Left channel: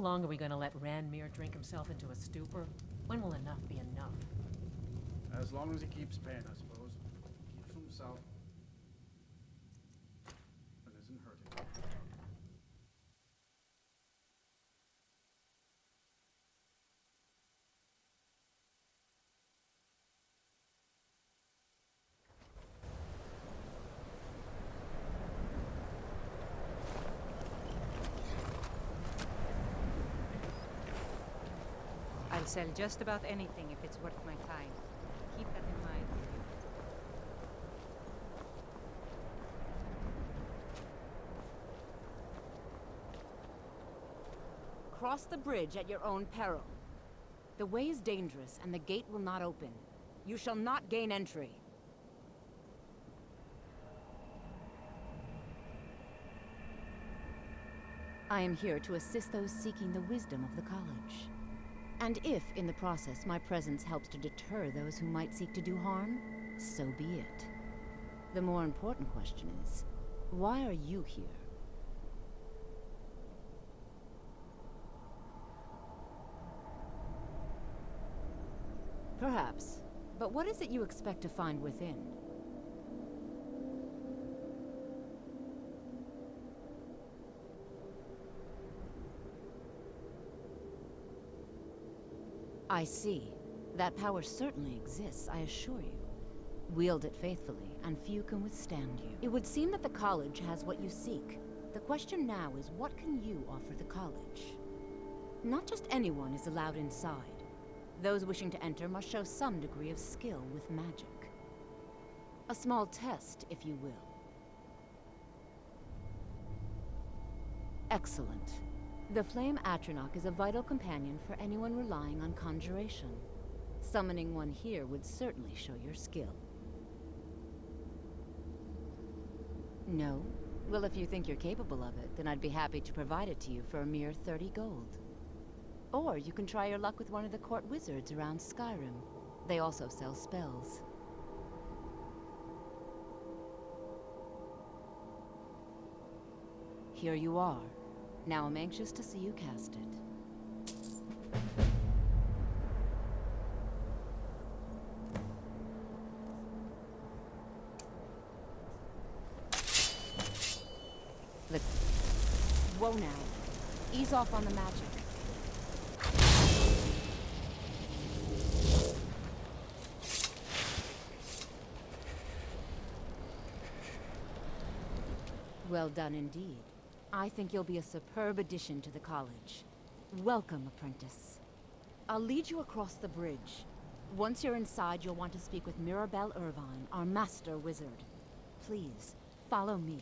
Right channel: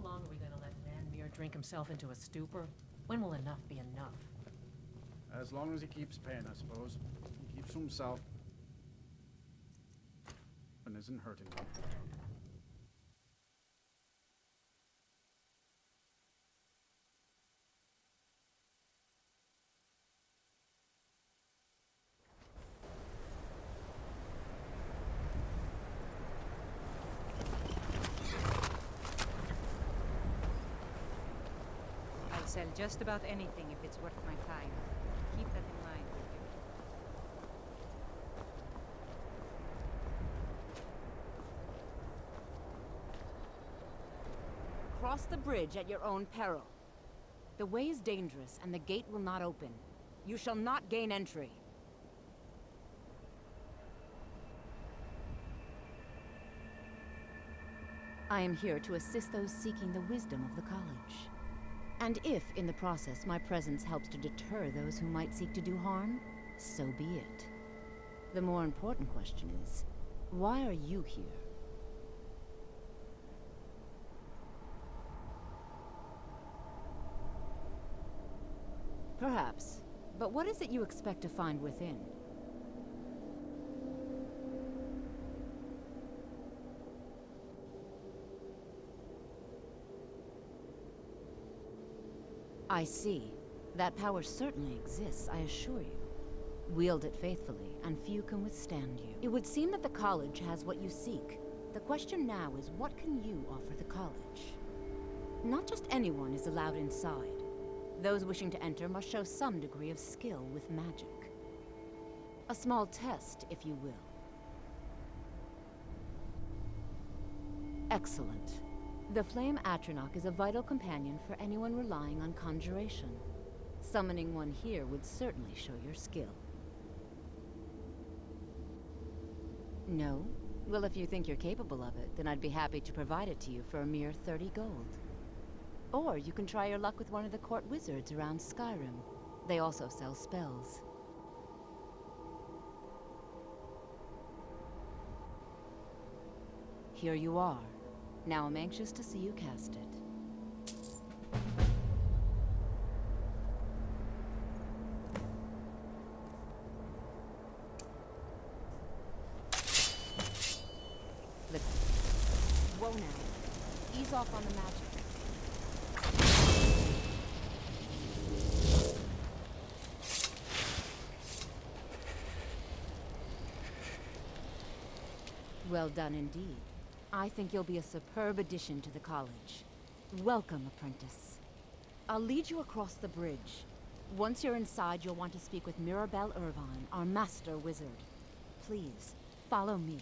long are we gonna let Ranmir drink himself into a stupor? When will enough be enough? As long as he keeps paying, I suppose. He keeps to himself. And isn't hurting me. I'll sell just about anything if it's worth my time. Keep that in mind, will you? Cross the bridge at your own peril. The way is dangerous, and the gate will not open. You shall not gain entry. I am here to assist those seeking the wisdom of the college. And if, in the process, my presence helps to deter those who might seek to do harm, so be it. The more important question is, why are you here? Perhaps. But what is it you expect to find within? I see. That power certainly exists, I assure you. Wield it faithfully, and few can withstand you. It would seem that the college has what you seek. The question now is, what can you offer the college? Not just anyone is allowed inside. Those wishing to enter must show some degree of skill with magic. A small test, if you will. Excellent. The Flame Atronach is a vital companion for anyone relying on conjuration. Summoning one here would certainly show your skill. No? Well, if you think you're capable of it, then I'd be happy to provide it to you for a mere 30 gold. Or you can try your luck with one of the court wizards around Skyrim. They also sell spells. Here you are. Now I'm anxious to see you cast it. Look. Whoa now. Ease off on the magic. Well done indeed. I think you'll be a superb addition to the college. Welcome, apprentice. I'll lead you across the bridge. Once you're inside, you'll want to speak with Mirabelle Irvine, our master wizard. Please, follow me.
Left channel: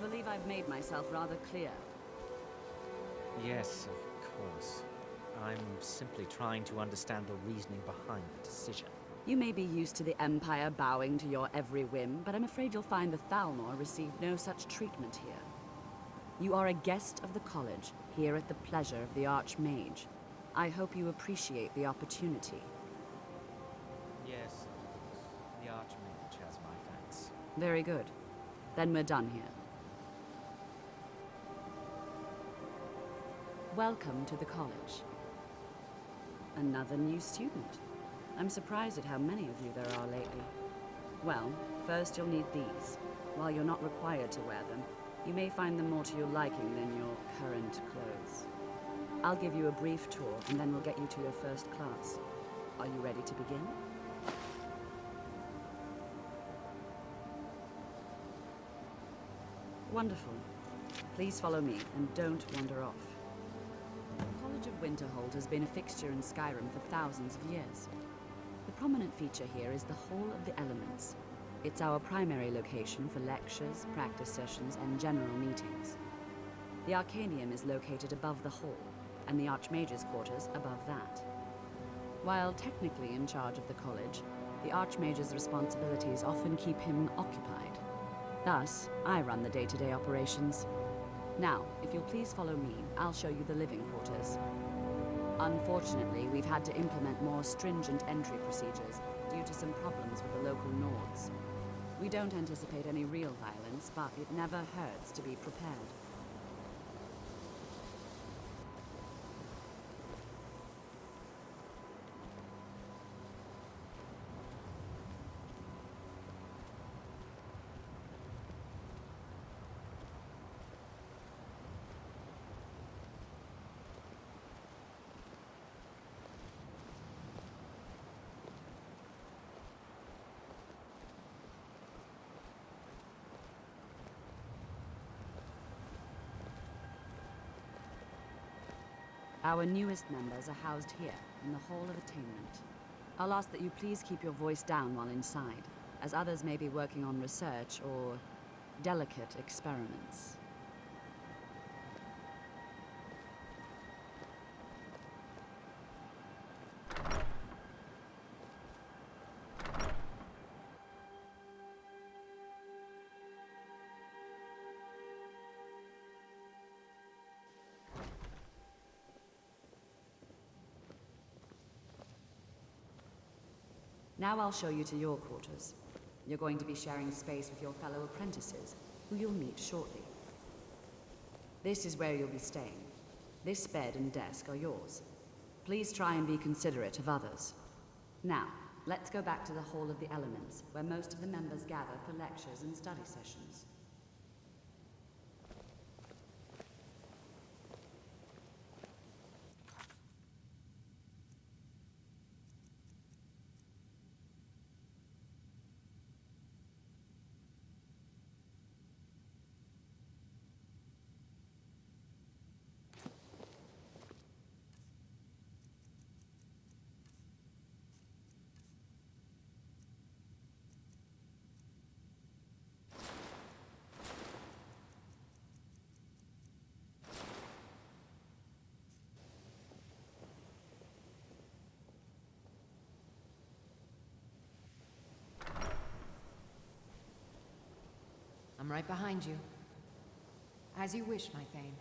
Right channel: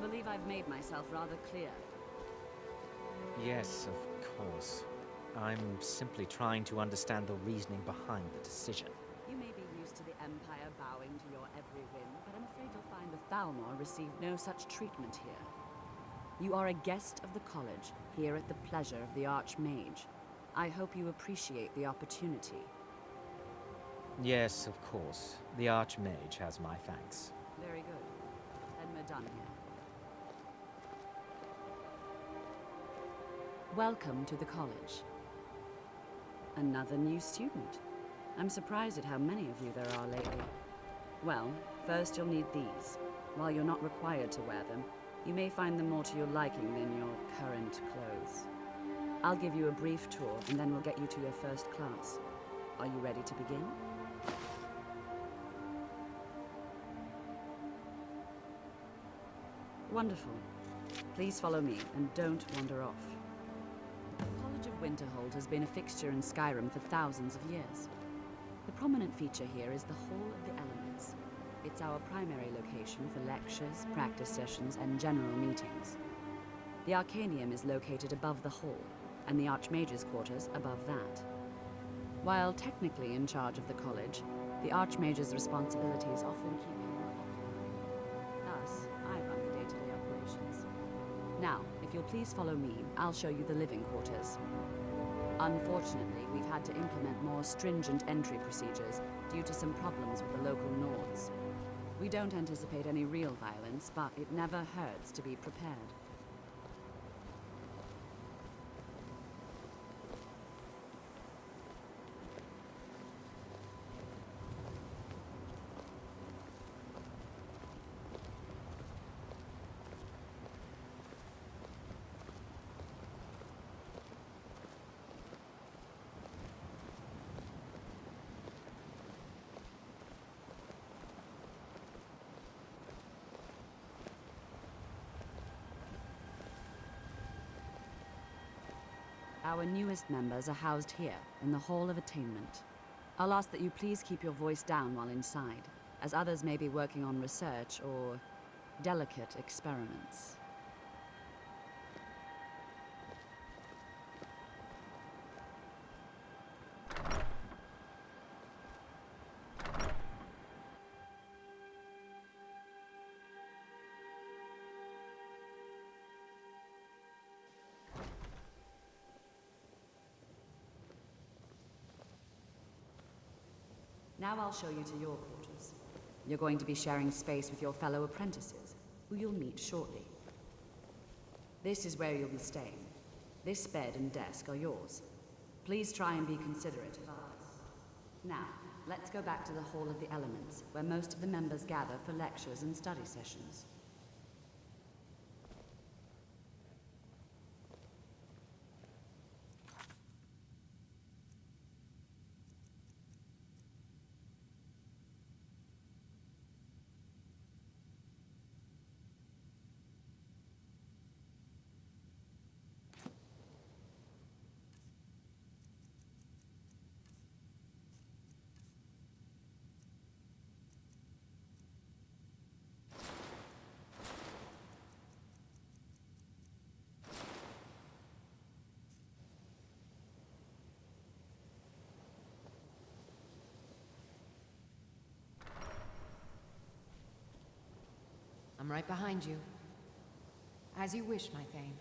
believe I've made myself rather clear. Yes, of course. I'm simply trying to understand the reasoning behind the decision. You may be used to the Empire bowing to your every whim, but I'm afraid you'll find the Thalmor received no such treatment here. You are a guest of the college, here at the pleasure of the Archmage. I hope you appreciate the opportunity. Yes, of course. The Archmage has my thanks. Very good. Then we're done here. Welcome to the college. Another new student. I'm surprised at how many of you there are lately. Well, first you'll need these. While you're not required to wear them, you may find them more to your liking than your current clothes. I'll give you a brief tour, and then we'll get you to your first class. Are you ready to begin? Wonderful. Please follow me, and don't wander off. The College of Winterhold has been a fixture in Skyrim for thousands of years. The prominent feature here is the Hall of the Elements. It's our primary location for lectures, practice sessions, and general meetings. The Arcanium is located above the hall, and the Archmage's quarters above that. While technically in charge of the college, the Archmage's responsibilities often keep him occupied. Thus, I run the day-to-day operations. Now, if you'll please follow me, I'll show you the living quarters. Unfortunately, we've had to implement more stringent entry procedures due to some problems with the local Nords. We don't anticipate any real violence, but it never hurts to be prepared. Our newest members are housed here, in the Hall of Attainment. I'll ask that you please keep your voice down while inside, as others may be working on research or delicate experiments. Now I'll show you to your quarters. You're going to be sharing space with your fellow apprentices, who you'll meet shortly. This is where you'll be staying. This bed and desk are yours. Please try and be considerate of others. Now, let's go back to the Hall of the Elements, where most of the members gather for lectures and study sessions. I'm right behind you. As you wish, my Thane.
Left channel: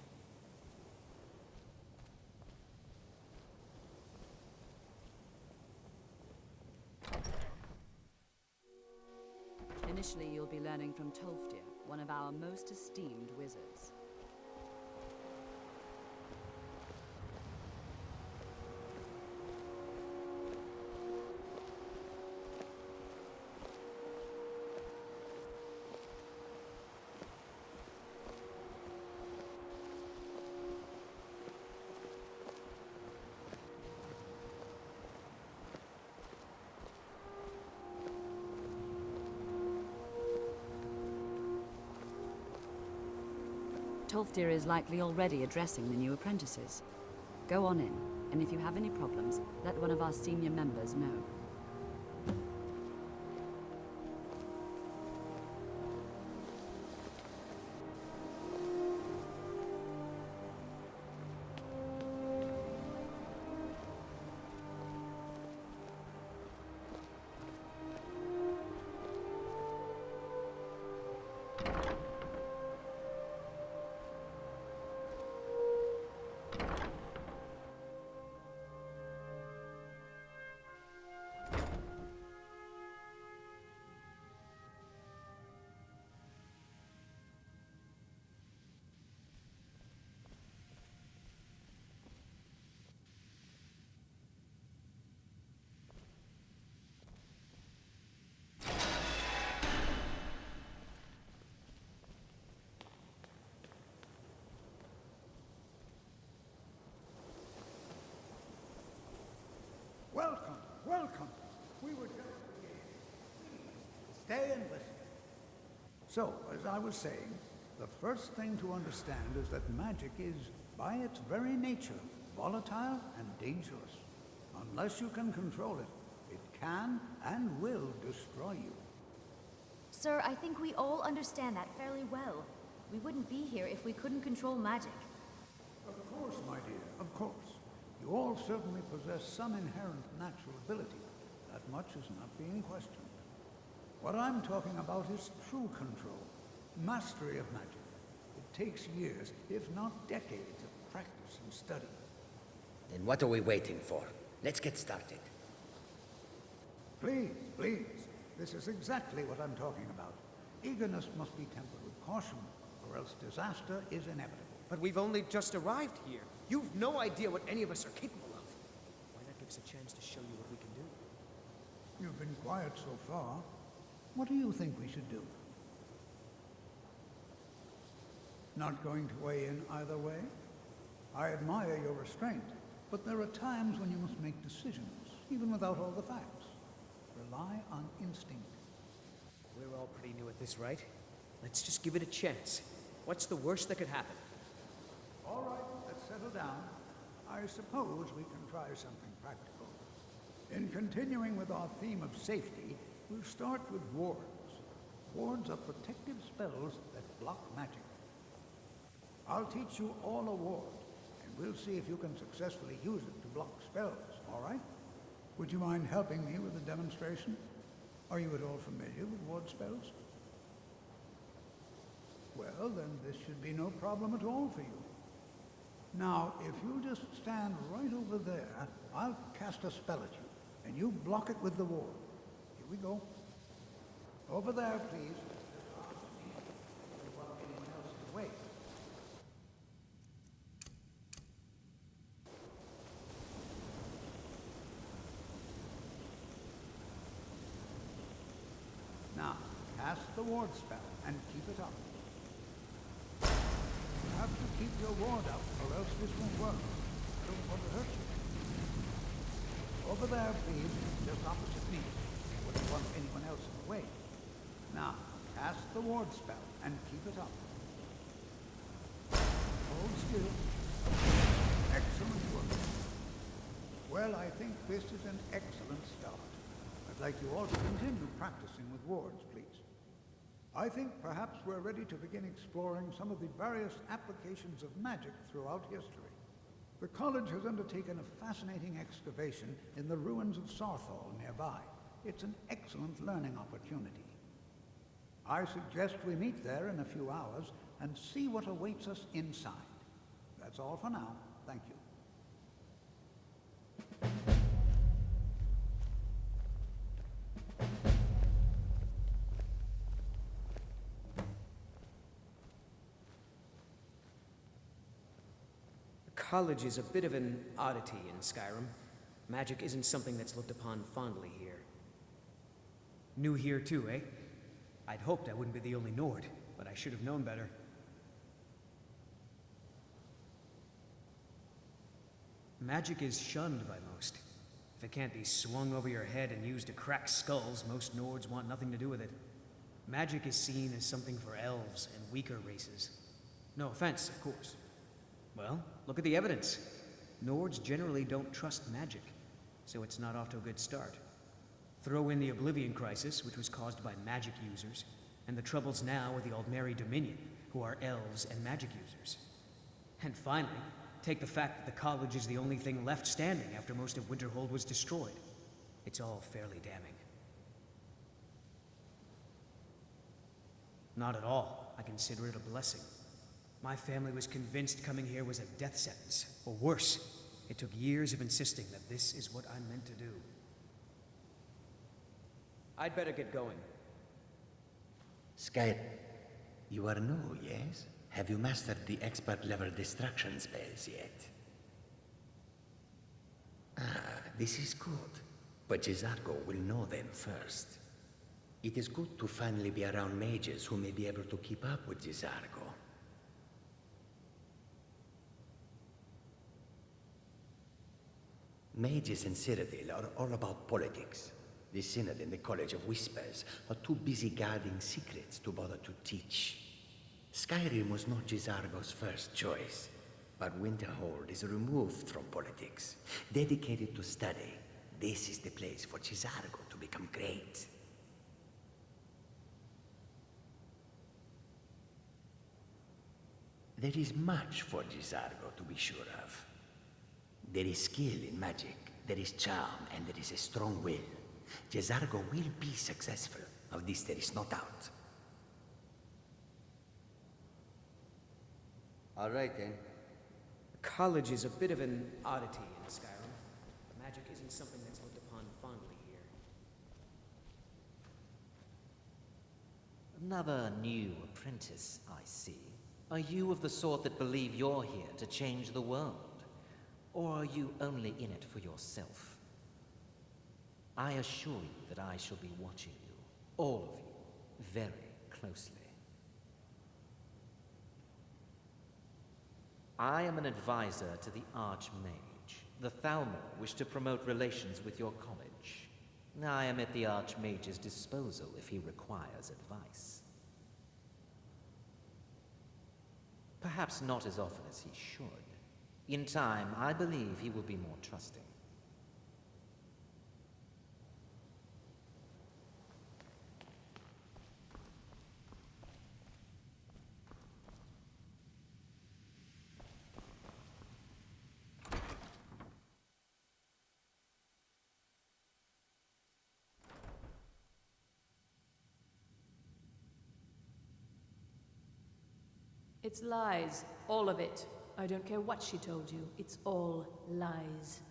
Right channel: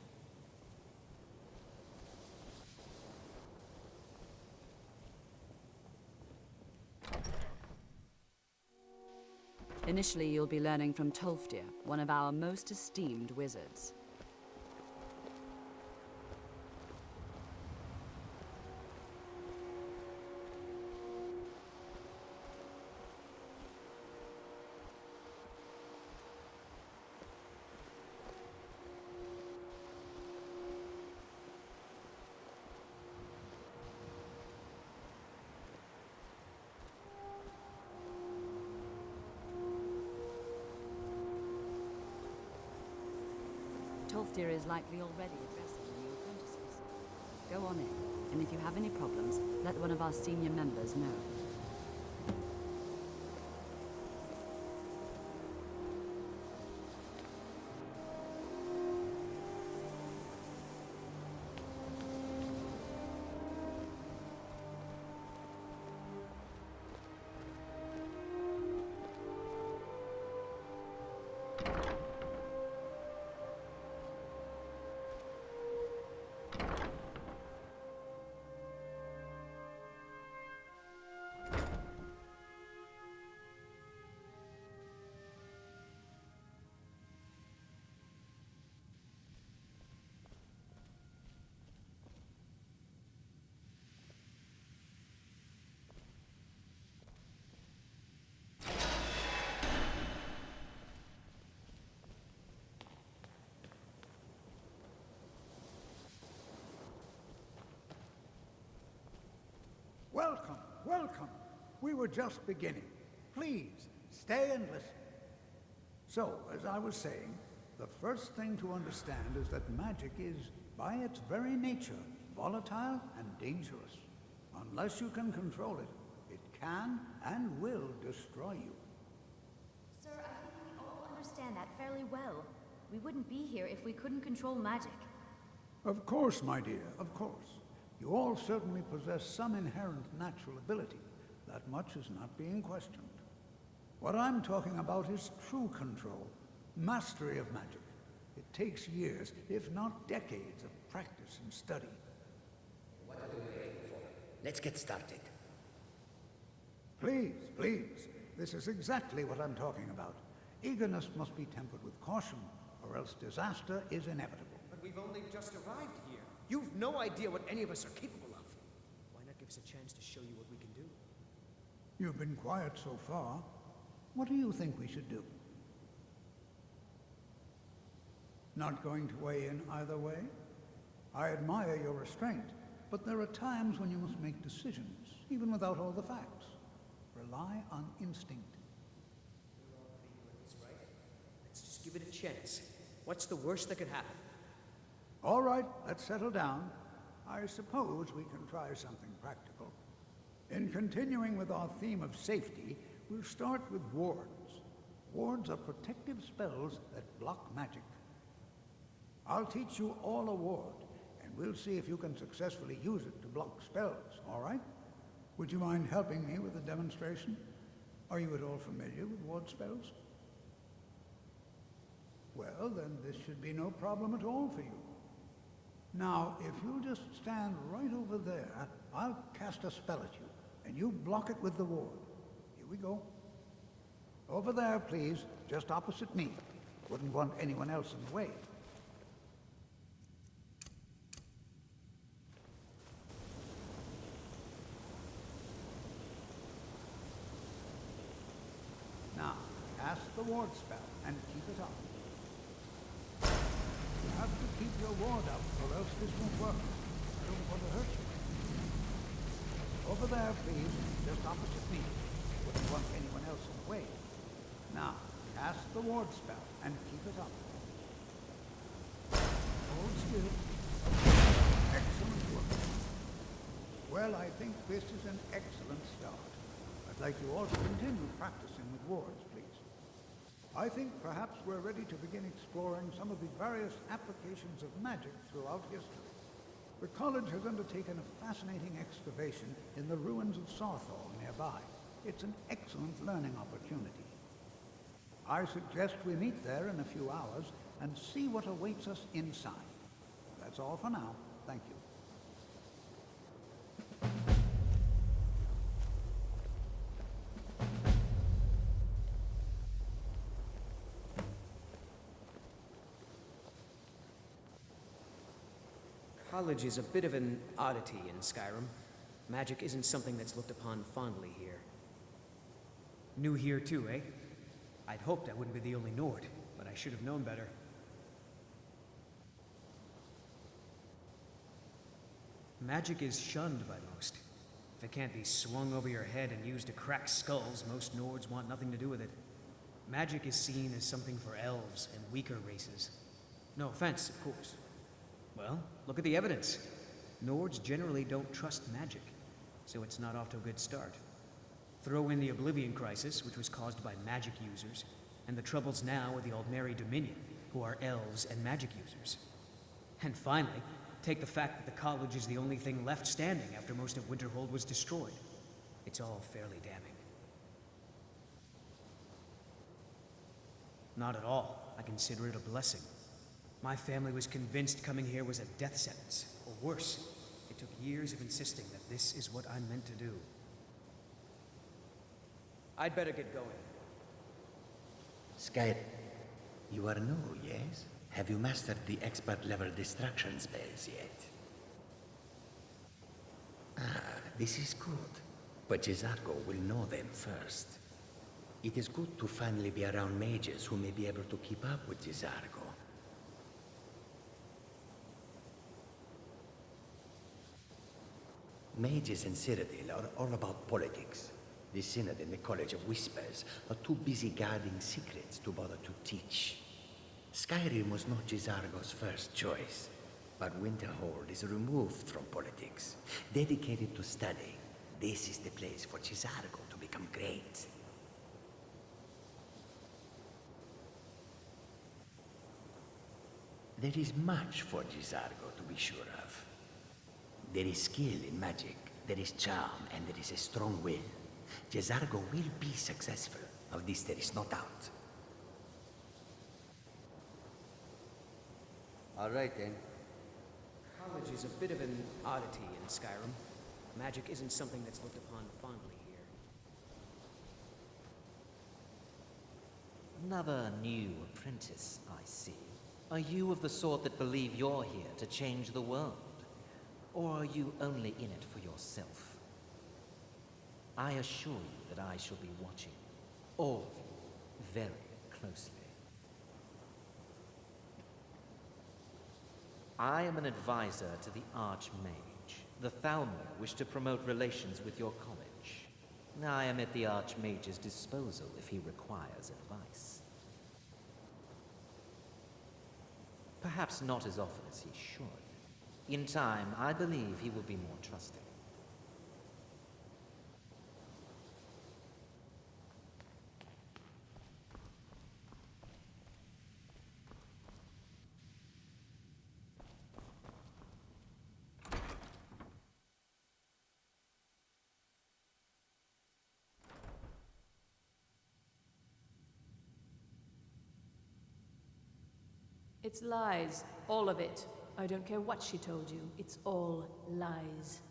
Initially, you'll be learning from Tolfdir, one of our most esteemed wizards. Tolfdir is likely already addressing the new apprentices. Go on in, and if you have any problems, let one of our senior members know. Welcome, welcome. We were just beginning. Please, stay and listen. So, as I was saying, the first thing to understand is that magic is, by its very nature, volatile and dangerous. Unless you can control it, it can and will destroy you. Sir, I think we all understand that fairly well. We wouldn't be here if we couldn't control magic. Of course, my dear, of course. You all certainly possess some inherent natural ability. That much is not being questioned. What I'm talking about is true control, mastery of magic. It takes years, if not decades, of practice and study. Then what are we waiting for? Let's get started. Please, please. This is exactly what I'm talking about. Eagerness must be tempered with caution, or else disaster is inevitable. But we've only just arrived here. You've no idea what any of us are capable of. Why not give us a chance to show you what we can do? You've been quiet so far. What do you think we should do? Not going to weigh in either way? I admire your restraint, but there are times when you must make decisions, even without all the facts. Rely on instinct. We're all pretty new at this, right? Let's just give it a chance. What's the worst that could happen? All right, let's settle down. I suppose we can try something practical. In continuing with our theme of safety, we'll start with wards. Wards are protective spells that block magic. I'll teach you all a ward, and we'll see if you can successfully use it to block spells, all right? Would you mind helping me with the demonstration? Are you at all familiar with ward spells? Well, then this should be no problem at all for you. Now, if you'll just stand right over there, I'll cast a spell at you, and you block it with the ward. Here we go. Over there, please, just opposite me. Wouldn't want anyone else in the way. Now, cast the ward spell and keep it up. You have to keep your ward out, or else this won't work. I don't want to hurt you. Over there, please, just opposite me. Wouldn't want anyone else in the way. Now, cast the ward spell and keep it up. Hold still. Excellent work. Well, I think this is an excellent start. I'd like you all to continue practicing with wards, please. I think perhaps we're ready to begin exploring some of the various applications of magic throughout history. The college has undertaken a fascinating excavation in the ruins of Sarthal nearby. It's an excellent learning opportunity. I suggest we meet there in a few hours and see what awaits us inside. That's all for now. Thank you. College is a bit of an oddity in Skyrim. Magic isn't something that's looked upon fondly here. New here too, eh? I'd hoped I wouldn't be the only Nord, but I should have known better. Magic is shunned by most. If it can't be swung over your head and used to crack skulls, most Nords want nothing to do with it. Magic is seen as something for elves and weaker races. No offense, of course. Well, look at the evidence. Nords generally don't trust magic, so it's not off to a good start. Throw in the Oblivion Crisis, which was caused by magic users, and the troubles now with the Aldmeri Dominion, who are elves and magic users. And finally, take the fact that the college is the only thing left standing after most of Winterhold was destroyed. It's all fairly damning. Not at all. I consider it a blessing. My family was convinced coming here was a death sentence, or worse. It took years of insisting that this is what I'm meant to do. I'd better get going. Sky, you are new, yes? Have you mastered the expert-level distraction spells yet? Ah, this is good. But Jizargo will know them first. It is good to finally be around mages who may be able to keep up with Jizargo. Mages in Cyrodiil are all about politics. The Synod and the College of Whispers are too busy guarding secrets to bother to teach. Skyrim was not Jizargo's first choice, but Winterhold is removed from politics, dedicated to study. This is the place for Jizargo to become great. There is much for Jizargo to be sure of. There is skill in magic, there is charm, and there is a strong will. Jizargo will be successful. Of this there is no doubt. All right, then. College is a bit of an oddity in Skyrim. Magic isn't something that's looked upon fondly here. Another new apprentice, I see. Are you of the sort that believe you're here to change the world? Or are you only in it for yourself? I assure you that I shall be watching you, all of you, very closely. I am an advisor to the Archmage. The Thalmor wish to promote relations with your college. I am at the Archmage's disposal if he requires advice. Perhaps not as often as he should. In time, I believe he will be more trusting. It's lies. All of it. I don't care what she told you. It's all lies.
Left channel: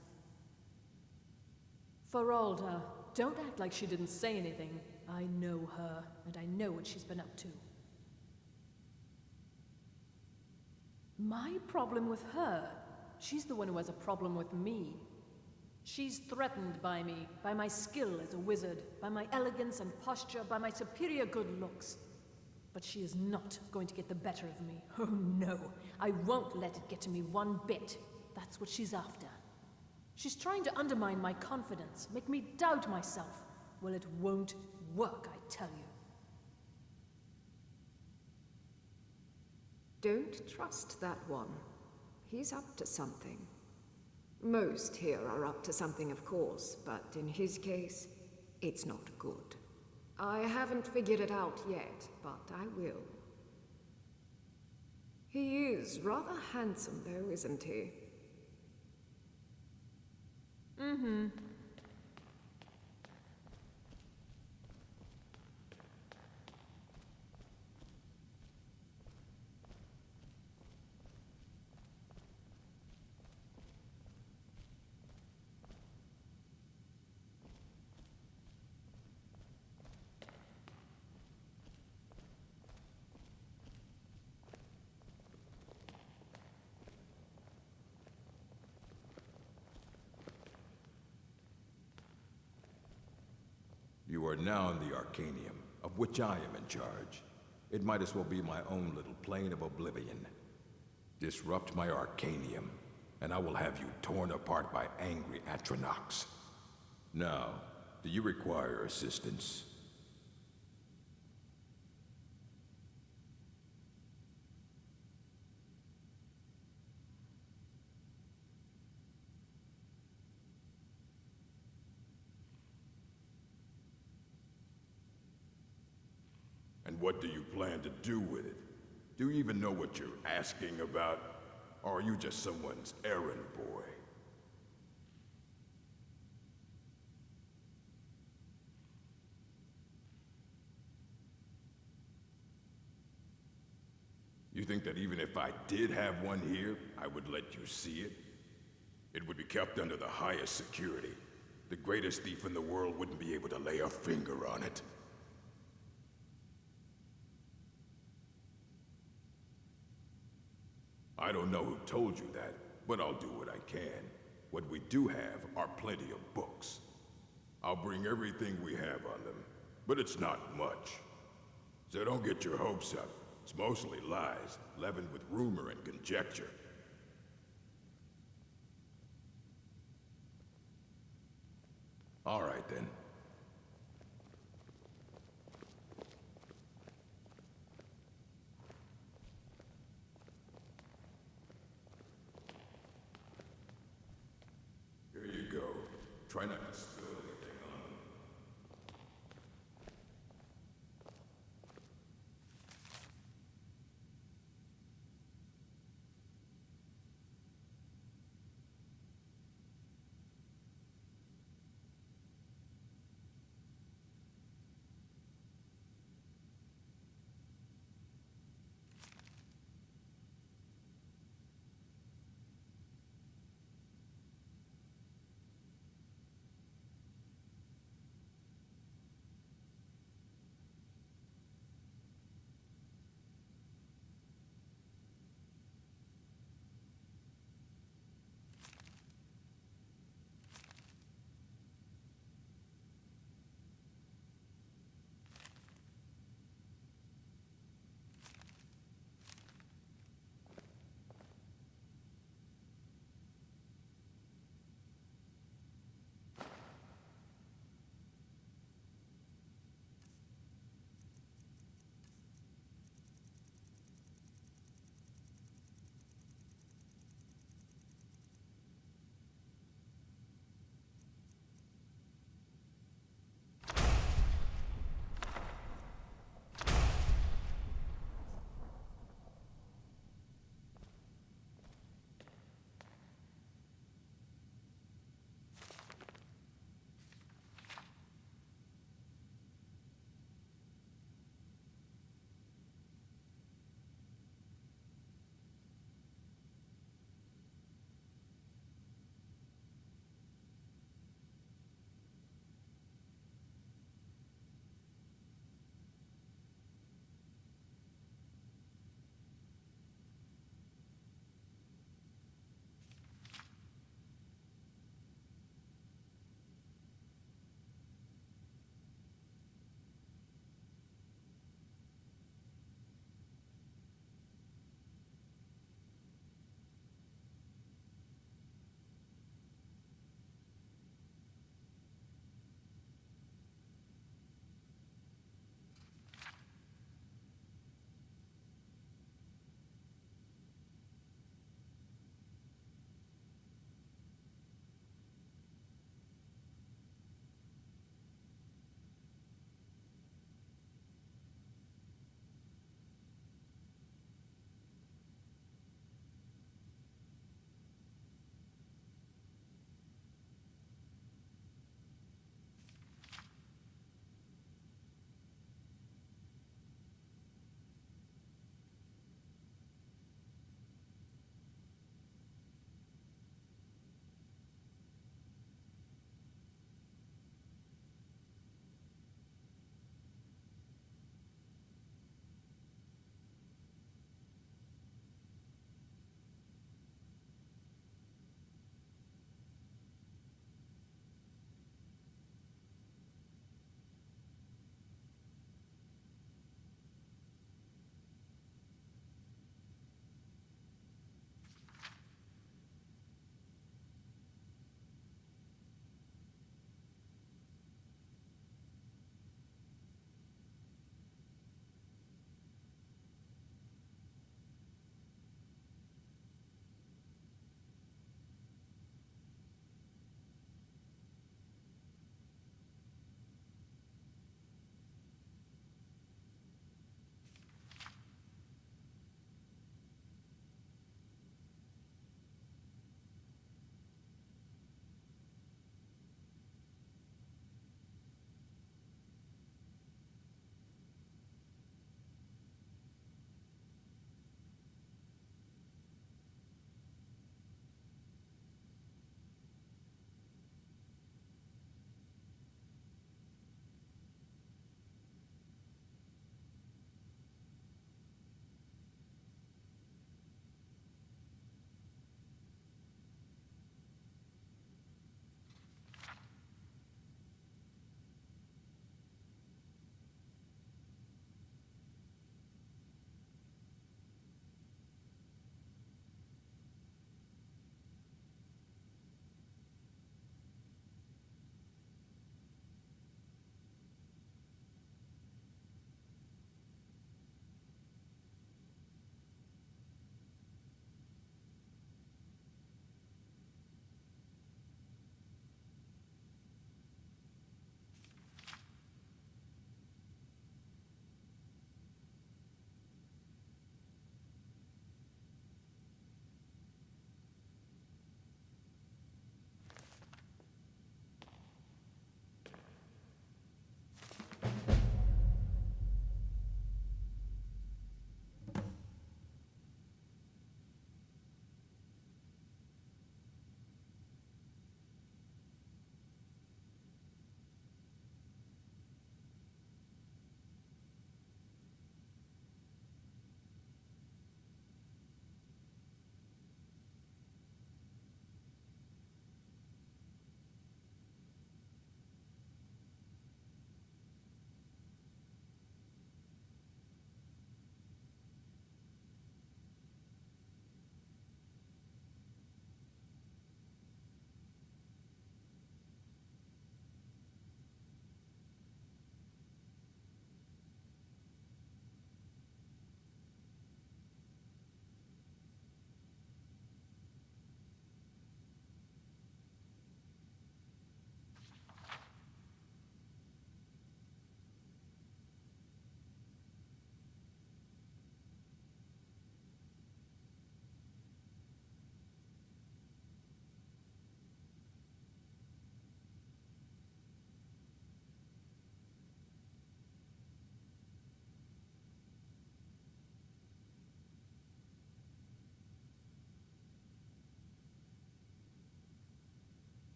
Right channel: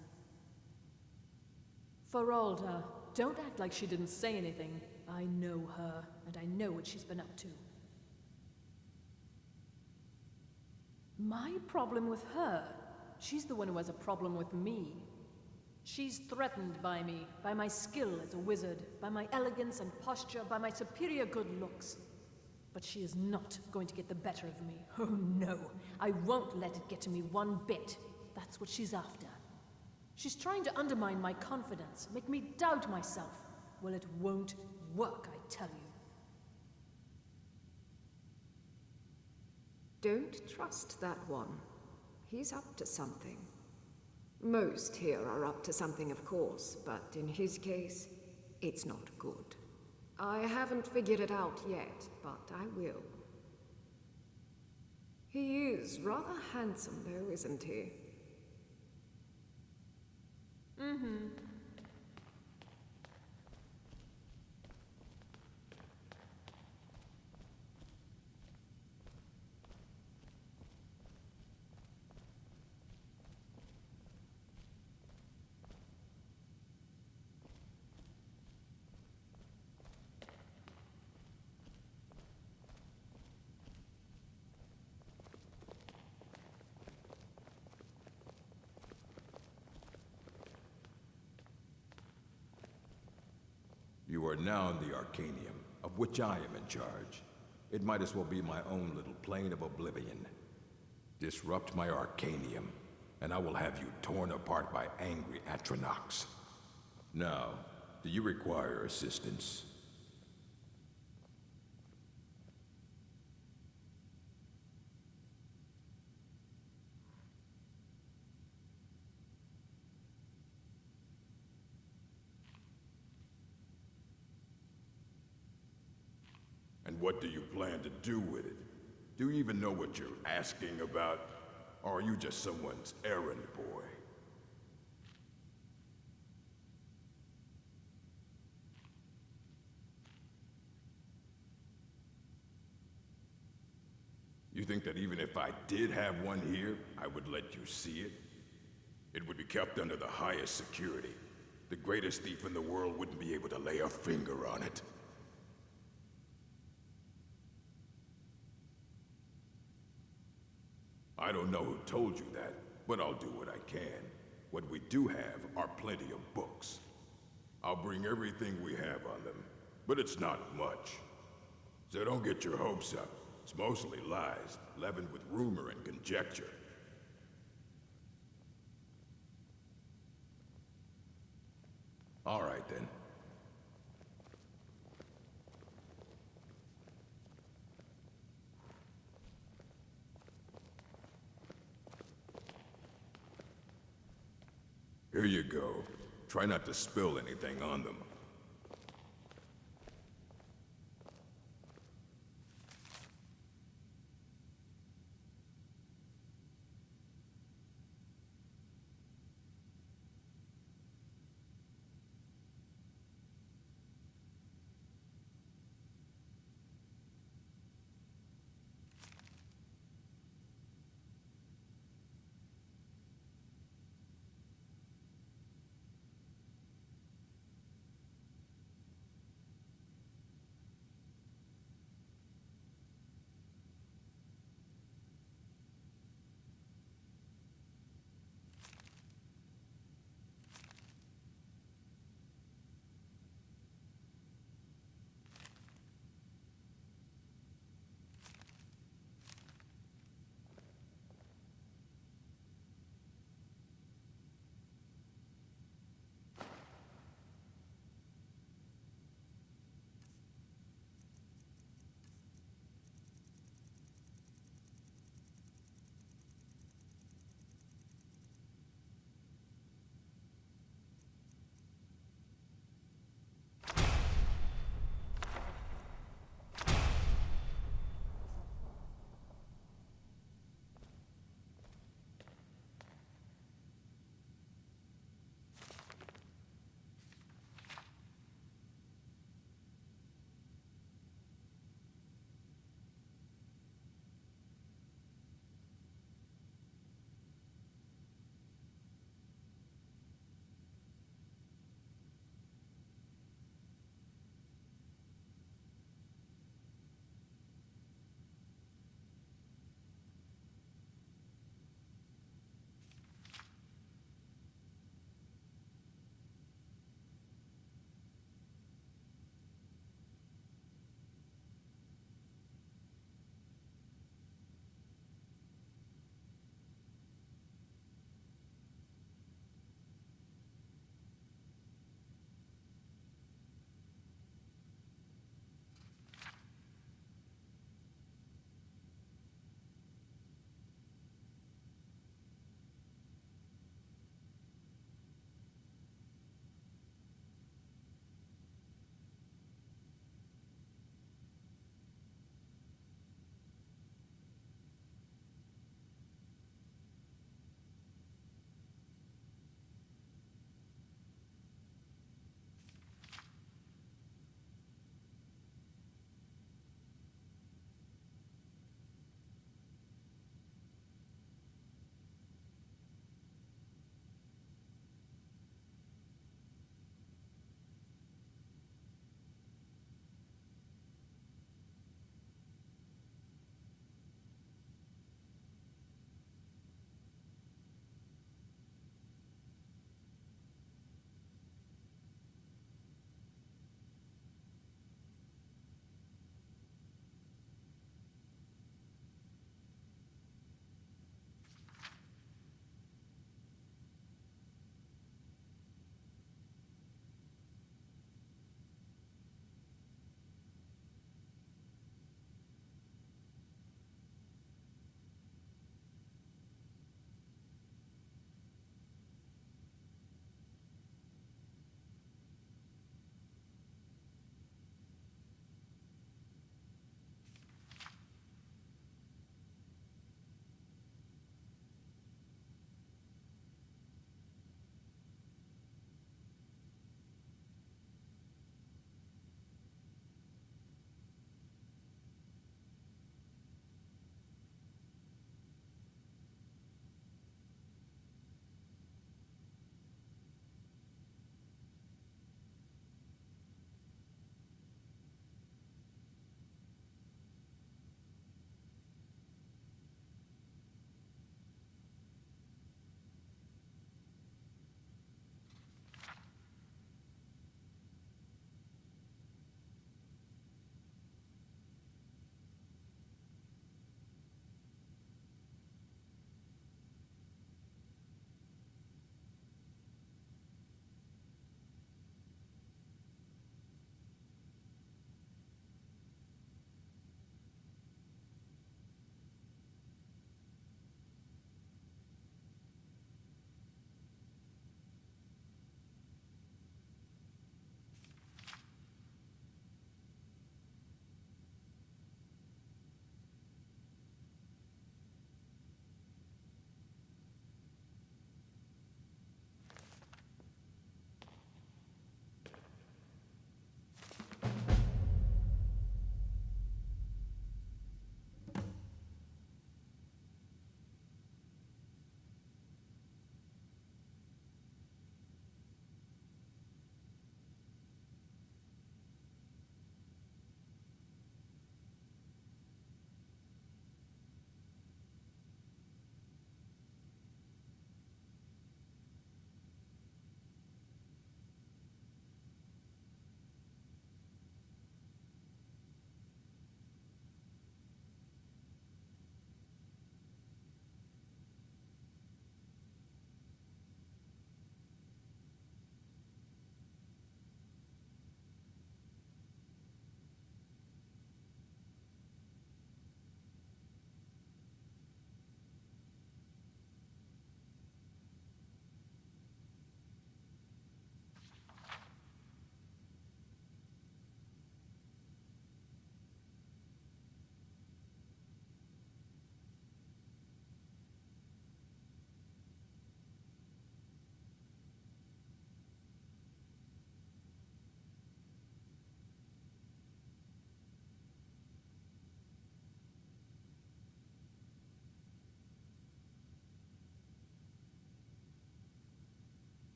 Feralda, don't act like she didn't say anything. I know her, and I know what she's been up to. My problem with her? She's the one who has a problem with me. She's threatened by me, by my skill as a wizard, by my elegance and posture, by my superior good looks. But she is not going to get the better of me. Oh no, I won't let it get to me one bit. That's what she's after. She's trying to undermine my confidence, make me doubt myself. Well, it won't work, I tell you. Don't trust that one. He's up to something. Most here are up to something, of course, but in his case, it's not good. I haven't figured it out yet, but I will. He is rather handsome, though, isn't he? Mm-hmm. You are now in the Arcanium, of which I am in charge. It might as well be my own little plane of oblivion. Disrupt my Arcanium, and I will have you torn apart by angry Atronachs. Now, do you require assistance? And what do you plan to do with it? Do you even know what you're asking about? Or are you just someone's errand boy? You think that even if I did have one here, I would let you see it? It would be kept under the highest security. The greatest thief in the world wouldn't be able to lay a finger on it. I don't know who told you that, but I'll do what I can. What we do have are plenty of books. I'll bring everything we have on them, but it's not much. So don't get your hopes up. It's mostly lies, leavened with rumor and conjecture. All right, then. Here you go. Try not to spill anything on them.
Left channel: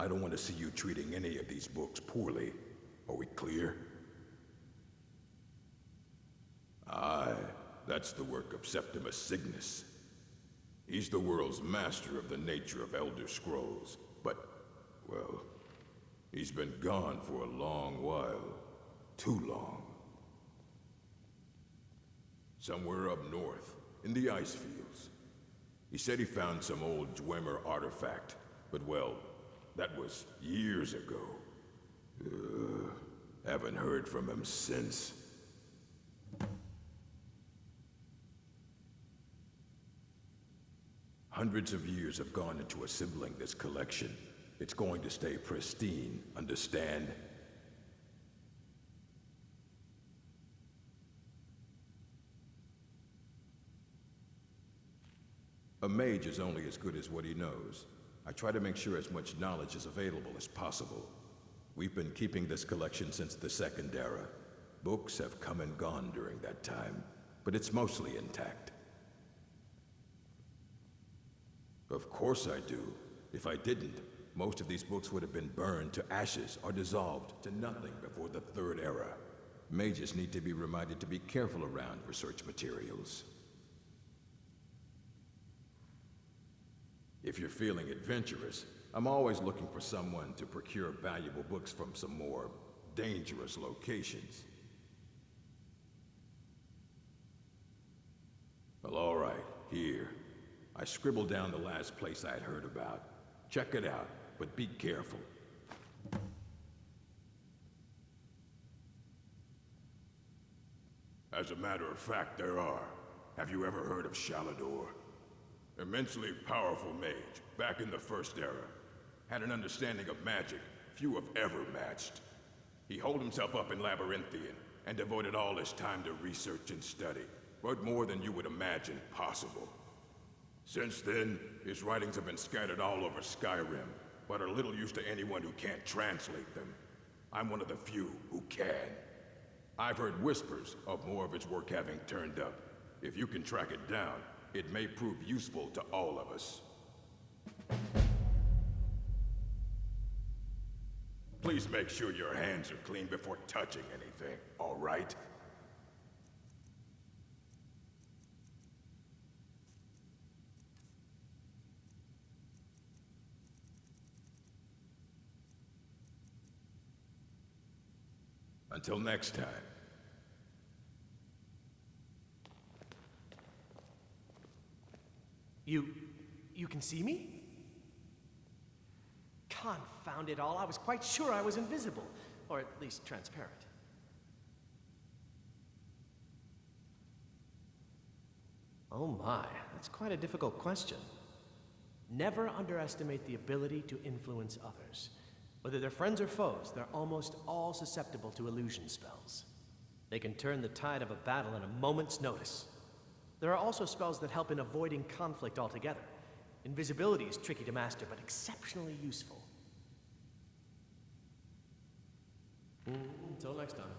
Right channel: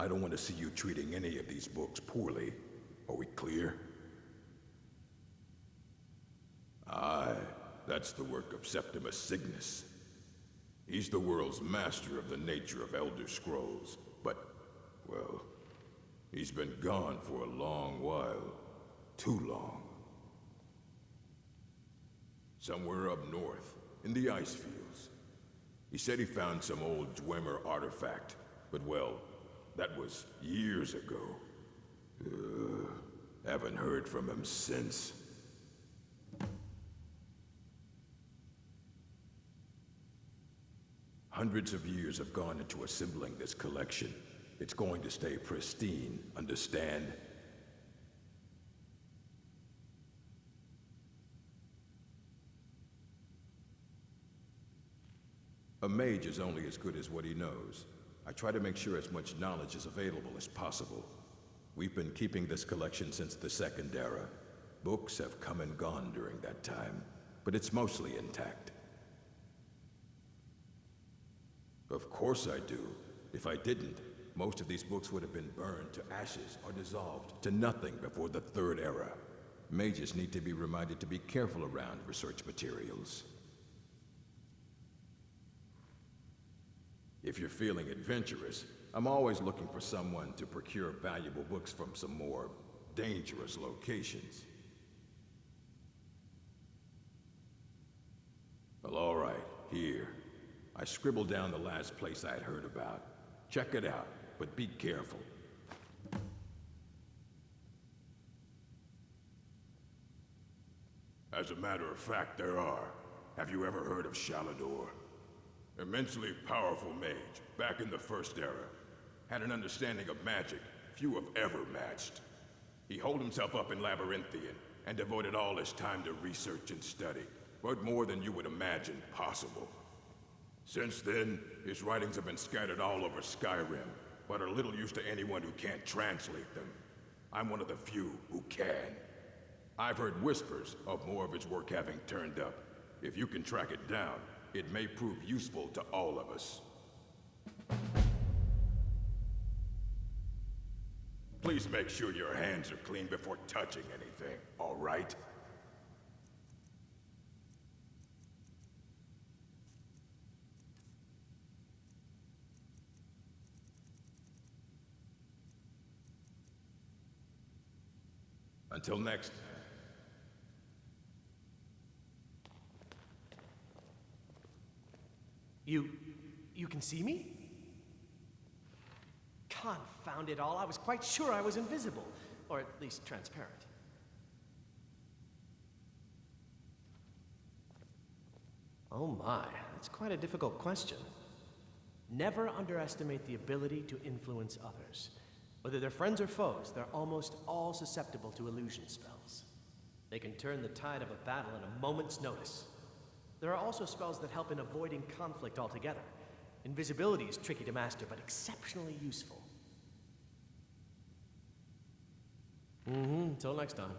I don't want to see you treating any of these books poorly. Are we clear? Aye, that's the work of Septimus Cygnus. He's the world's master of the nature of Elder Scrolls, but, well, he's been gone for a long while. Too long. Somewhere up north, in the ice fields. He said he found some old Dwemer artifact, but well, that was years ago. Haven't heard from him since. Hundreds of years have gone into assembling this collection. It's going to stay pristine, understand? A mage is only as good as what he knows. I try to make sure as much knowledge is available as possible. We've been keeping this collection since the Second Era. Books have come and gone during that time, but it's mostly intact. Of course I do. If I didn't, most of these books would have been burned to ashes or dissolved to nothing before the Third Era. Mages need to be reminded to be careful around research materials. If you're feeling adventurous, I'm always looking for someone to procure valuable books from some more dangerous locations. Well, all right, here. I scribbled down the last place I'd heard about. Check it out, but be careful. As a matter of fact, there are. Have you ever heard of Shalador? Immensely powerful mage, back in the First Era. Had an understanding of magic few have ever matched. He holed himself up in Labyrinthian, and devoted all his time to research and study. Wrote more than you would imagine possible. Since then, his writings have been scattered all over Skyrim, but are little use to anyone who can't translate them. I'm one of the few who can. I've heard whispers of more of his work having turned up. If you can track it down, it may prove useful to all of us. Please make sure your hands are clean before touching anything, all right? Until next time. You can see me? Confound it all, I was quite sure I was invisible, or at least transparent. Oh my, that's quite a difficult question. Never underestimate the ability to influence others. Whether they're friends or foes, they're almost all susceptible to illusion spells. They can turn the tide of a battle in a moment's notice. There are also spells that help in avoiding conflict altogether. Invisibility is tricky to master, but exceptionally useful. Until next time.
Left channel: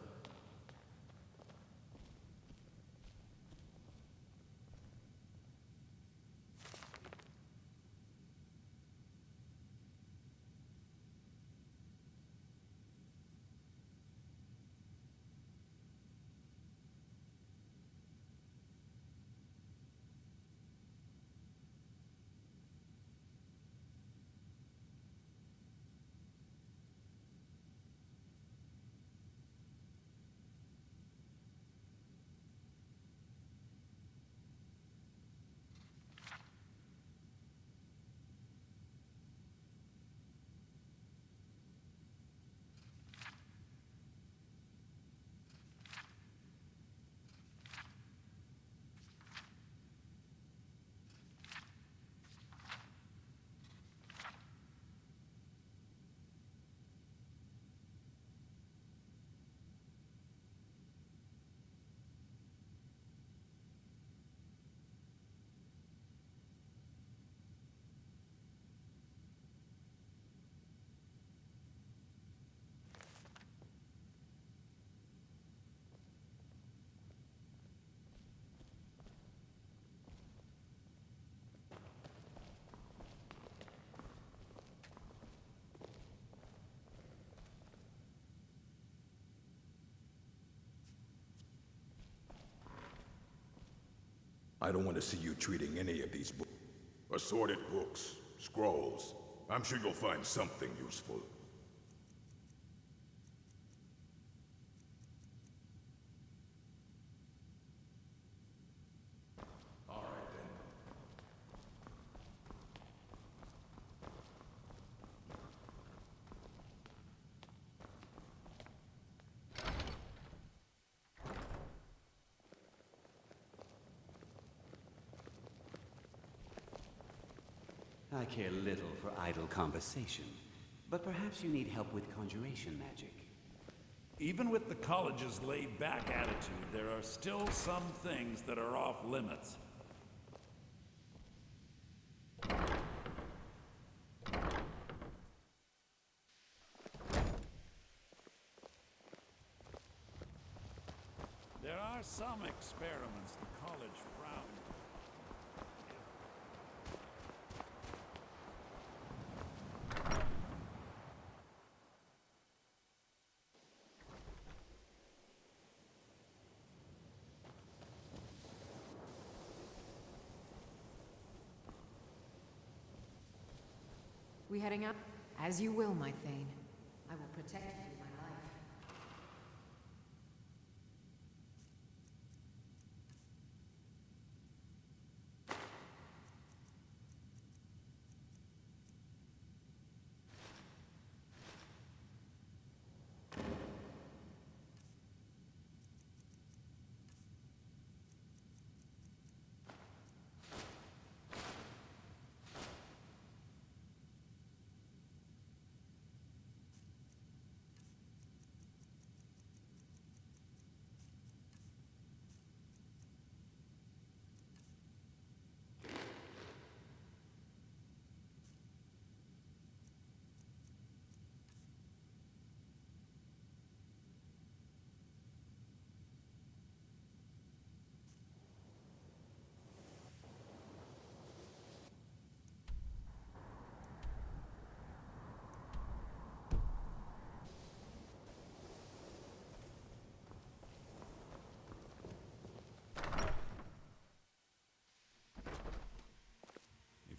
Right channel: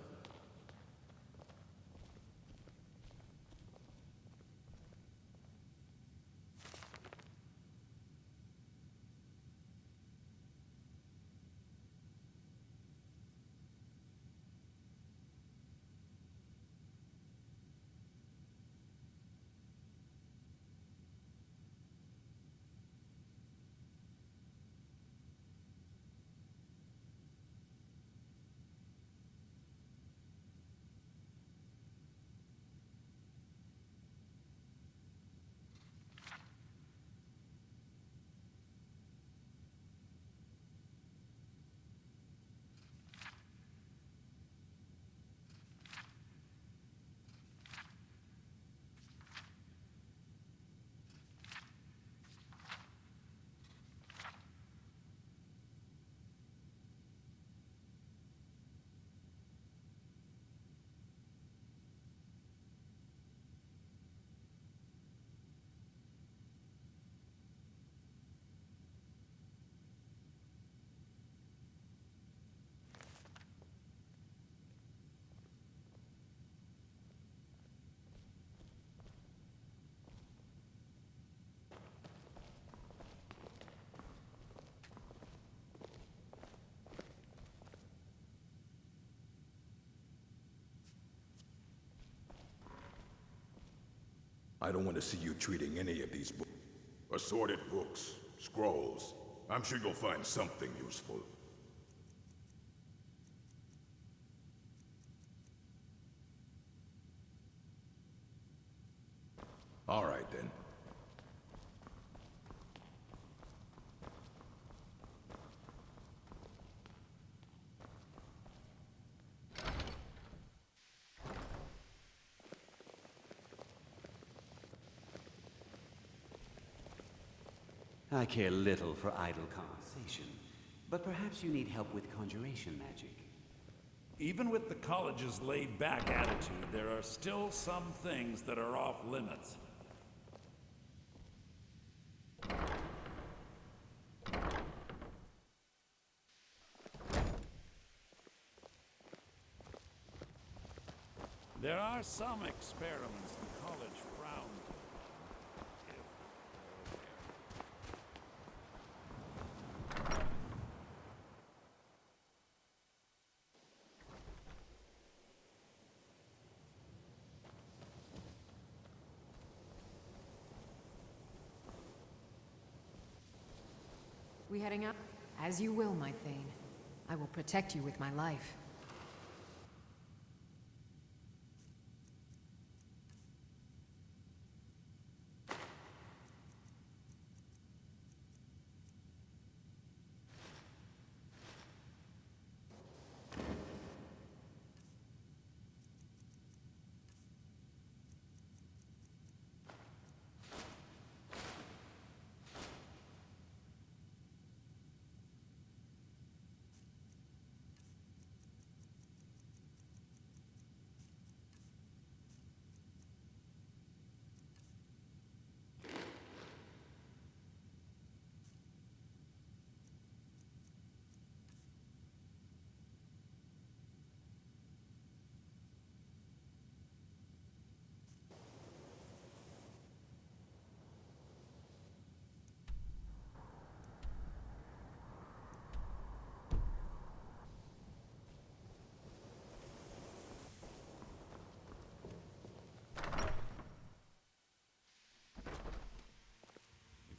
I don't want to see you treating any of these books. Assorted books, scrolls. I'm sure you'll find something useful. All right, then. I care little for idle conversation, but perhaps you need help with conjuration magic. Even with the college's laid-back attitude, there are still some things that are off limits. There are some experiments the college frowned We heading out? As you will, my Thane. I will protect you with my life.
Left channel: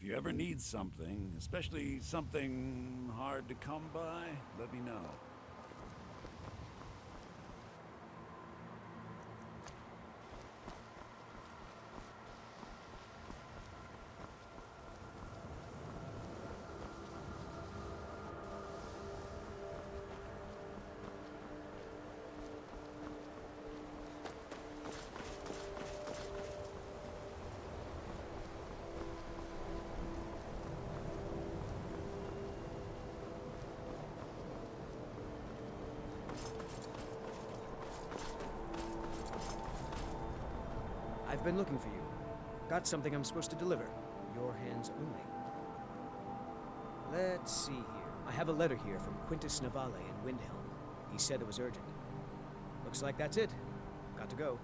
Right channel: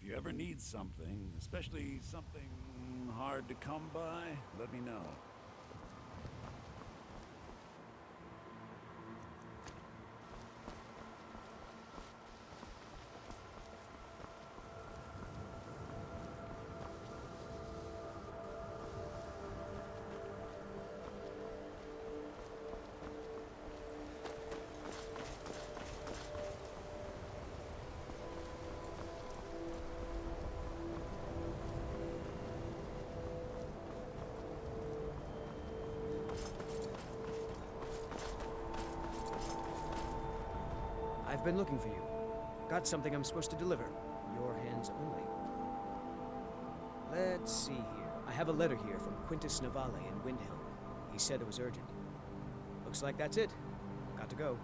If you ever need something, especially something hard to come by, let me know. I've been looking for you. Got something I'm supposed to deliver. Your hands only. Let's see here. I have a letter here from Quintus Navale in Windhelm. He said it was urgent. Looks like that's it. Got to go.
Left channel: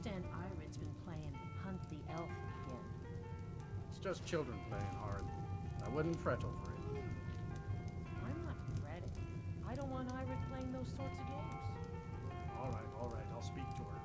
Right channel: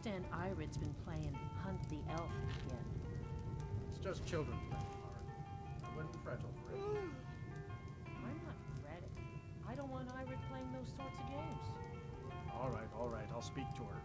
understand Irid's been playing Hunt the Elf again. It's just children playing hard. I wouldn't fret over it. I'm not fretting. I don't want Irid playing those sorts of games. All right, I'll speak to her.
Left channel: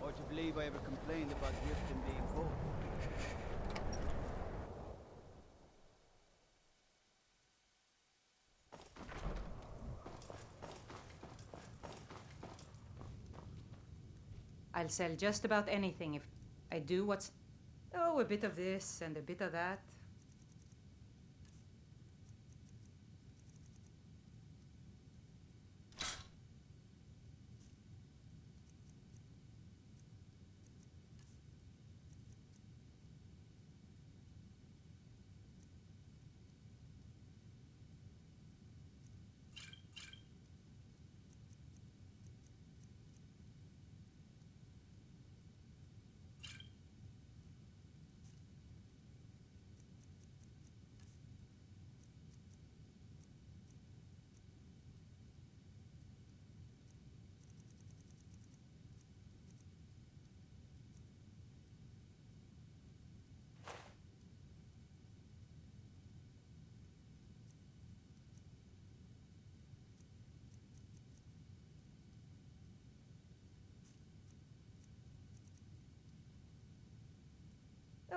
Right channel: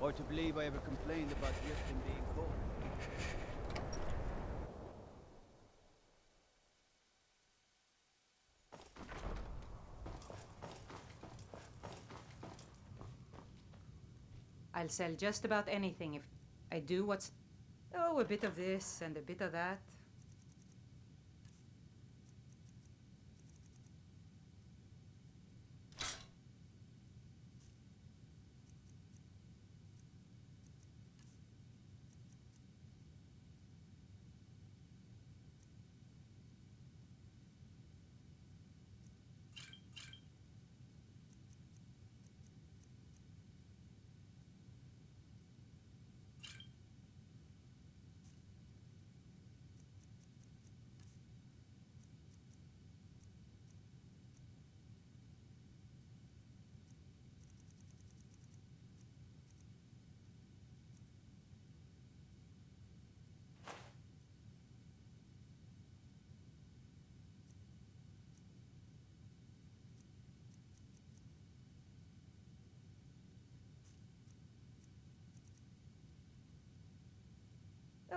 Or to believe I ever complained about Riften being cold. I'll sell just about anything if I do what's... Oh, a bit of this and a bit of that.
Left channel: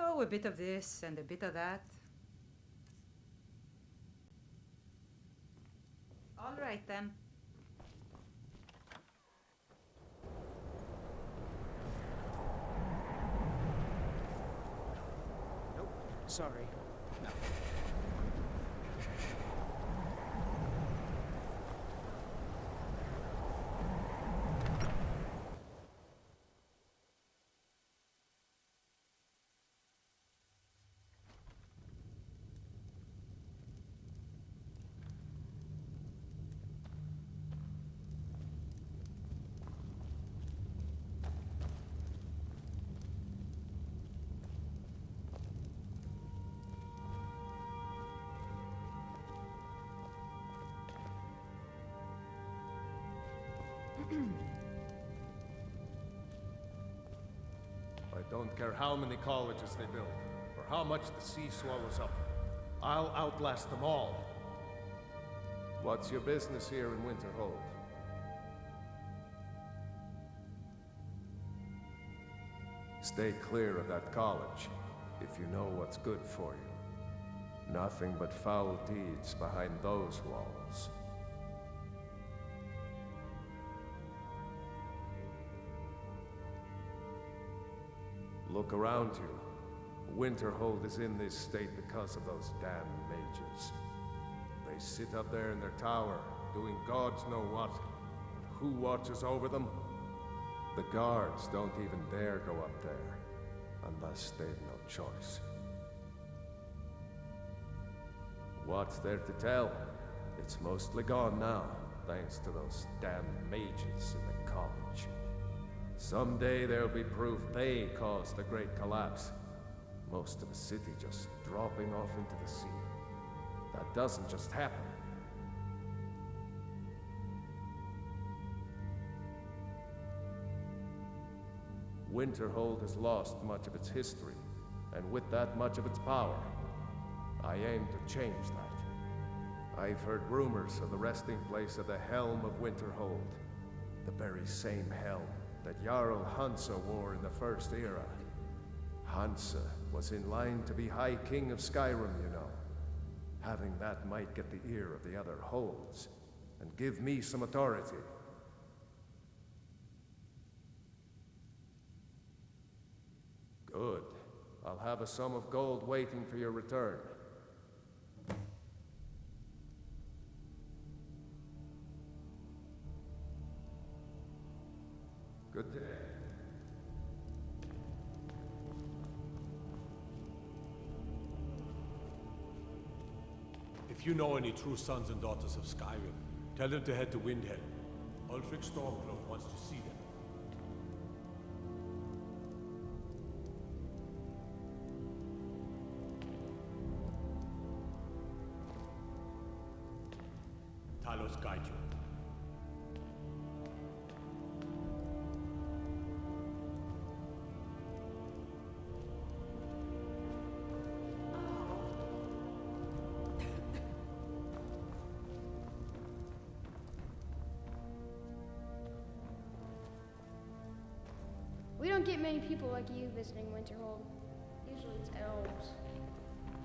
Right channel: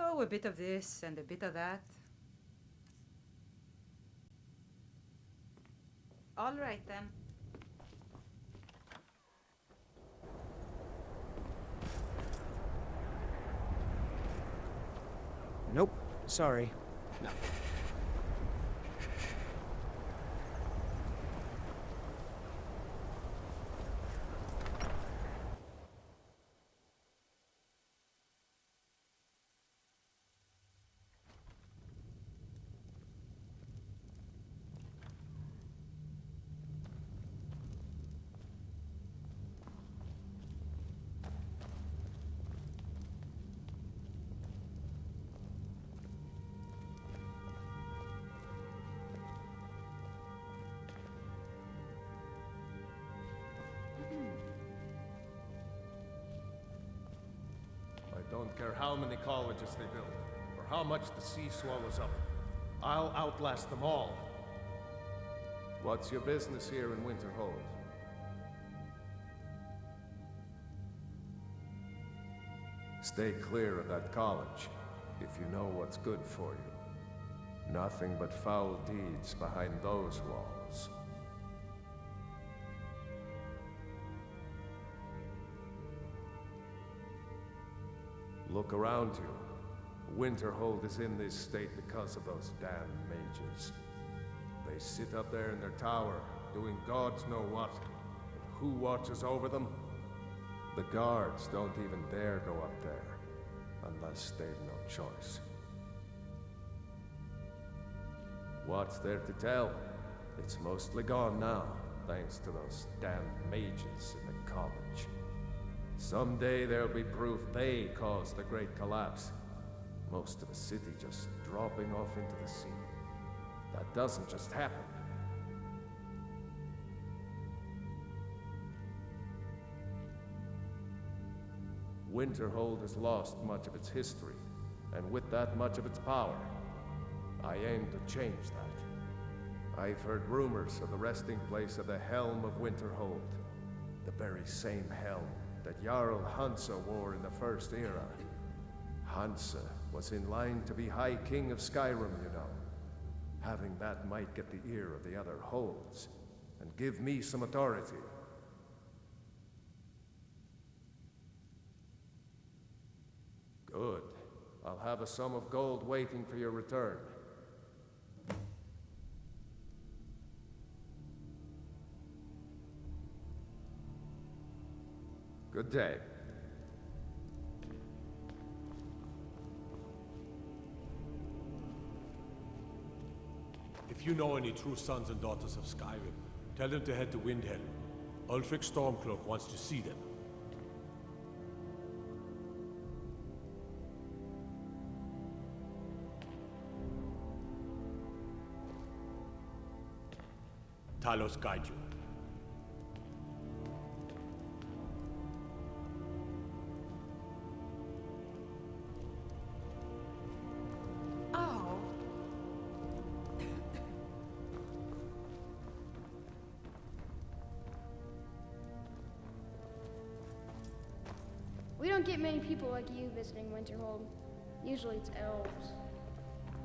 Oh, a bit of this and a bit of that. All right, then. Nope, sorry. I don't care how many colleges they build, or how much the sea swallows up. I'll outlast them all. What's your business here in Winterhold? Stay clear of that college, if you know what's good for you. Nothing but foul deeds behind those walls. Look around you. Winterhold is in this state because of those damn mages. They sit up there in their tower, doing gods know what. And who watches over them? The guards don't even dare go up there, unless they've no choice. What's there to tell? It's mostly gone now, thanks to those damn mages in the college. Someday there'll be proof they caused the Great Collapse. Most of the city just dropping off into the sea. That doesn't just happen. Winterhold has lost much of its history, and with that much of its power. I aim to change that. I've heard rumors of the resting place of the Helm of Winterhold, the very same helm that Jarl Hansa wore in the First Era. Hansa was in line to be High King of Skyrim, you know. Having that might get the ear of the other holds, and give me some authority. Good. I'll have a sum of gold waiting for your return. Good day. If you know any true sons and daughters of Skyrim, tell them to head to Windhelm. Ulfric Stormcloak wants to see them. Talos guide you. We don't get many people like you visiting Winterhold. Usually it's elves.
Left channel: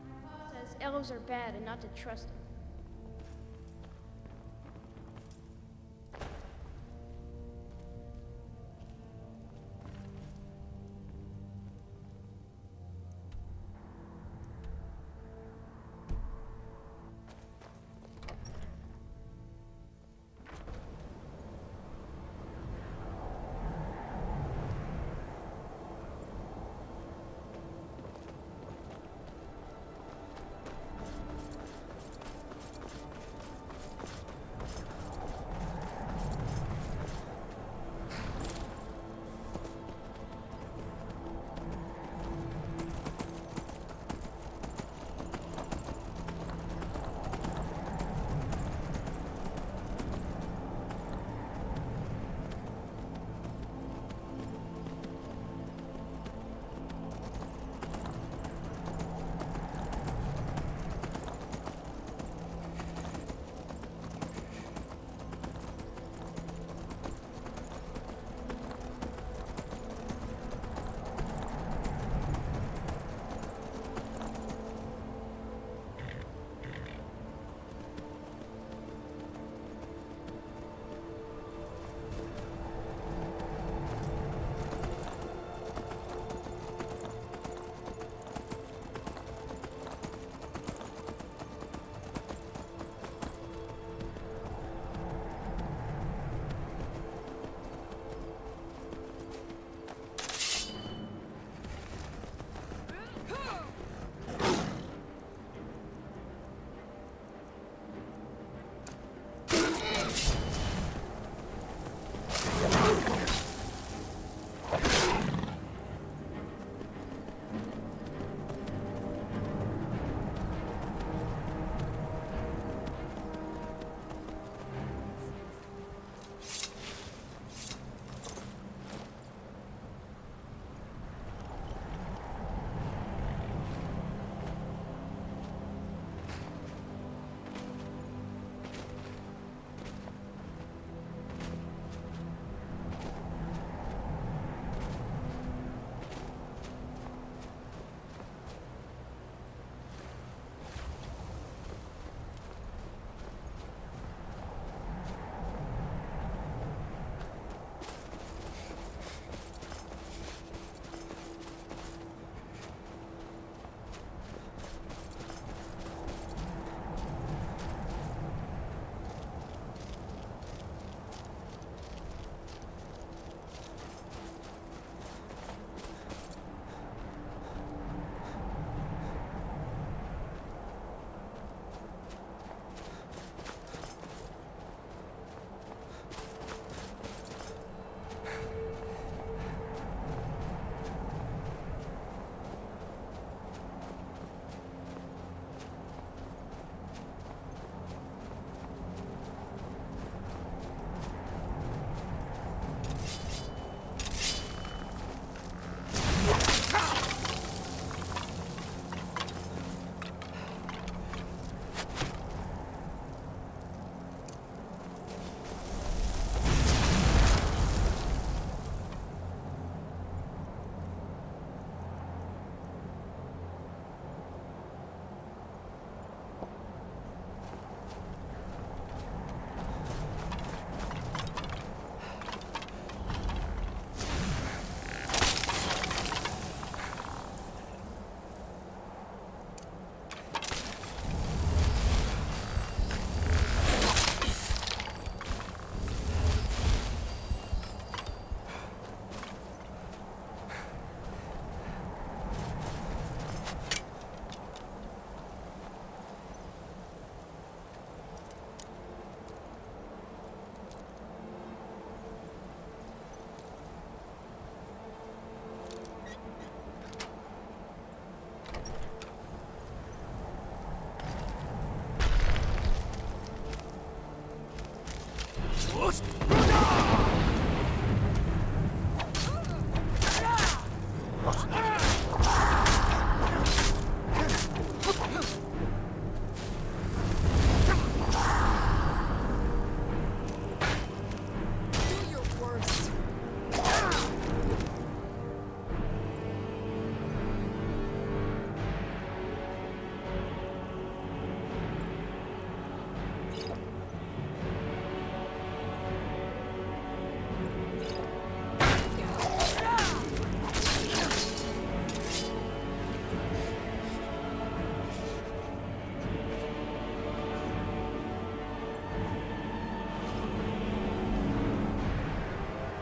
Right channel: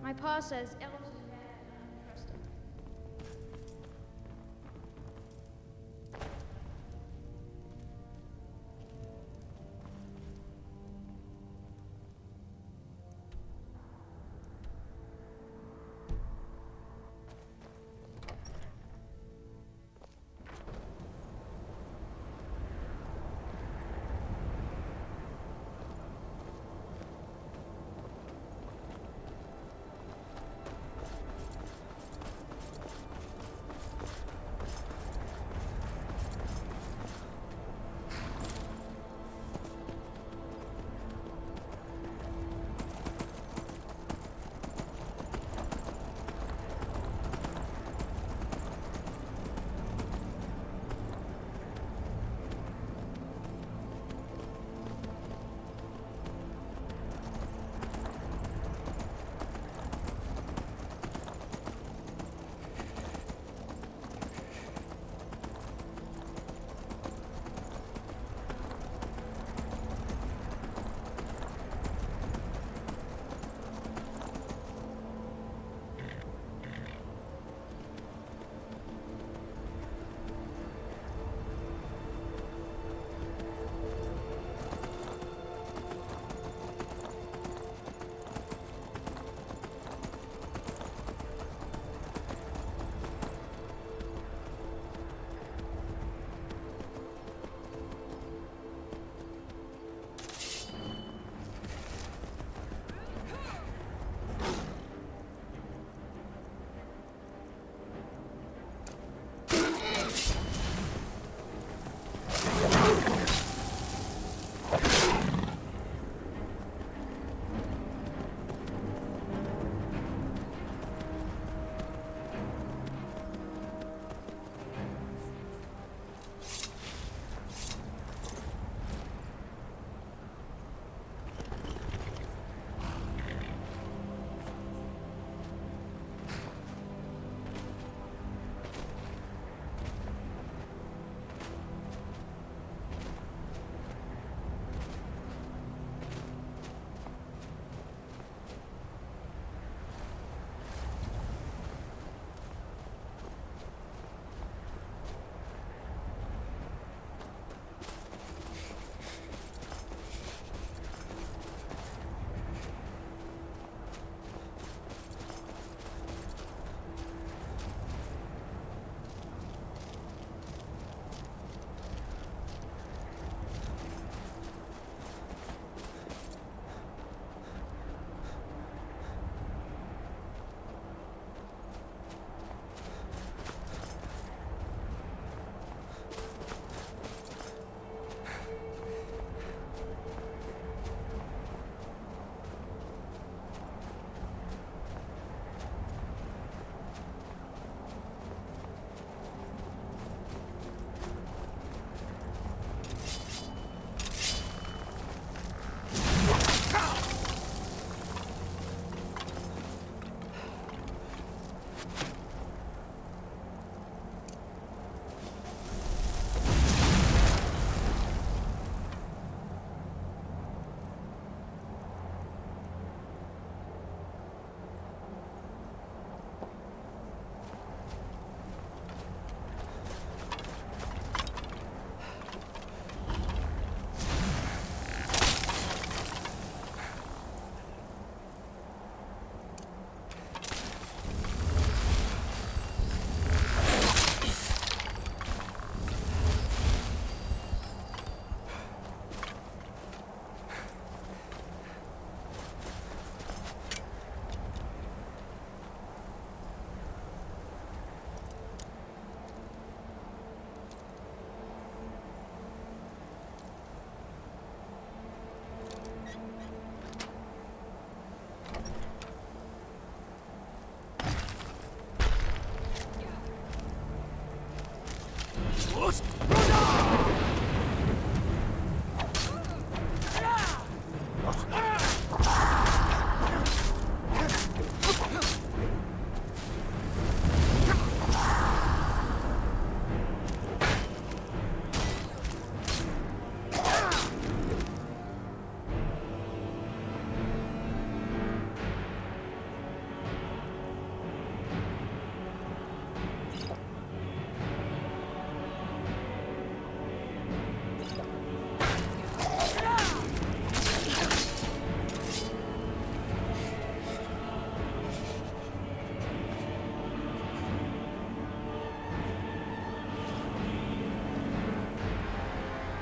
My pa says elves are bad and not to trust them.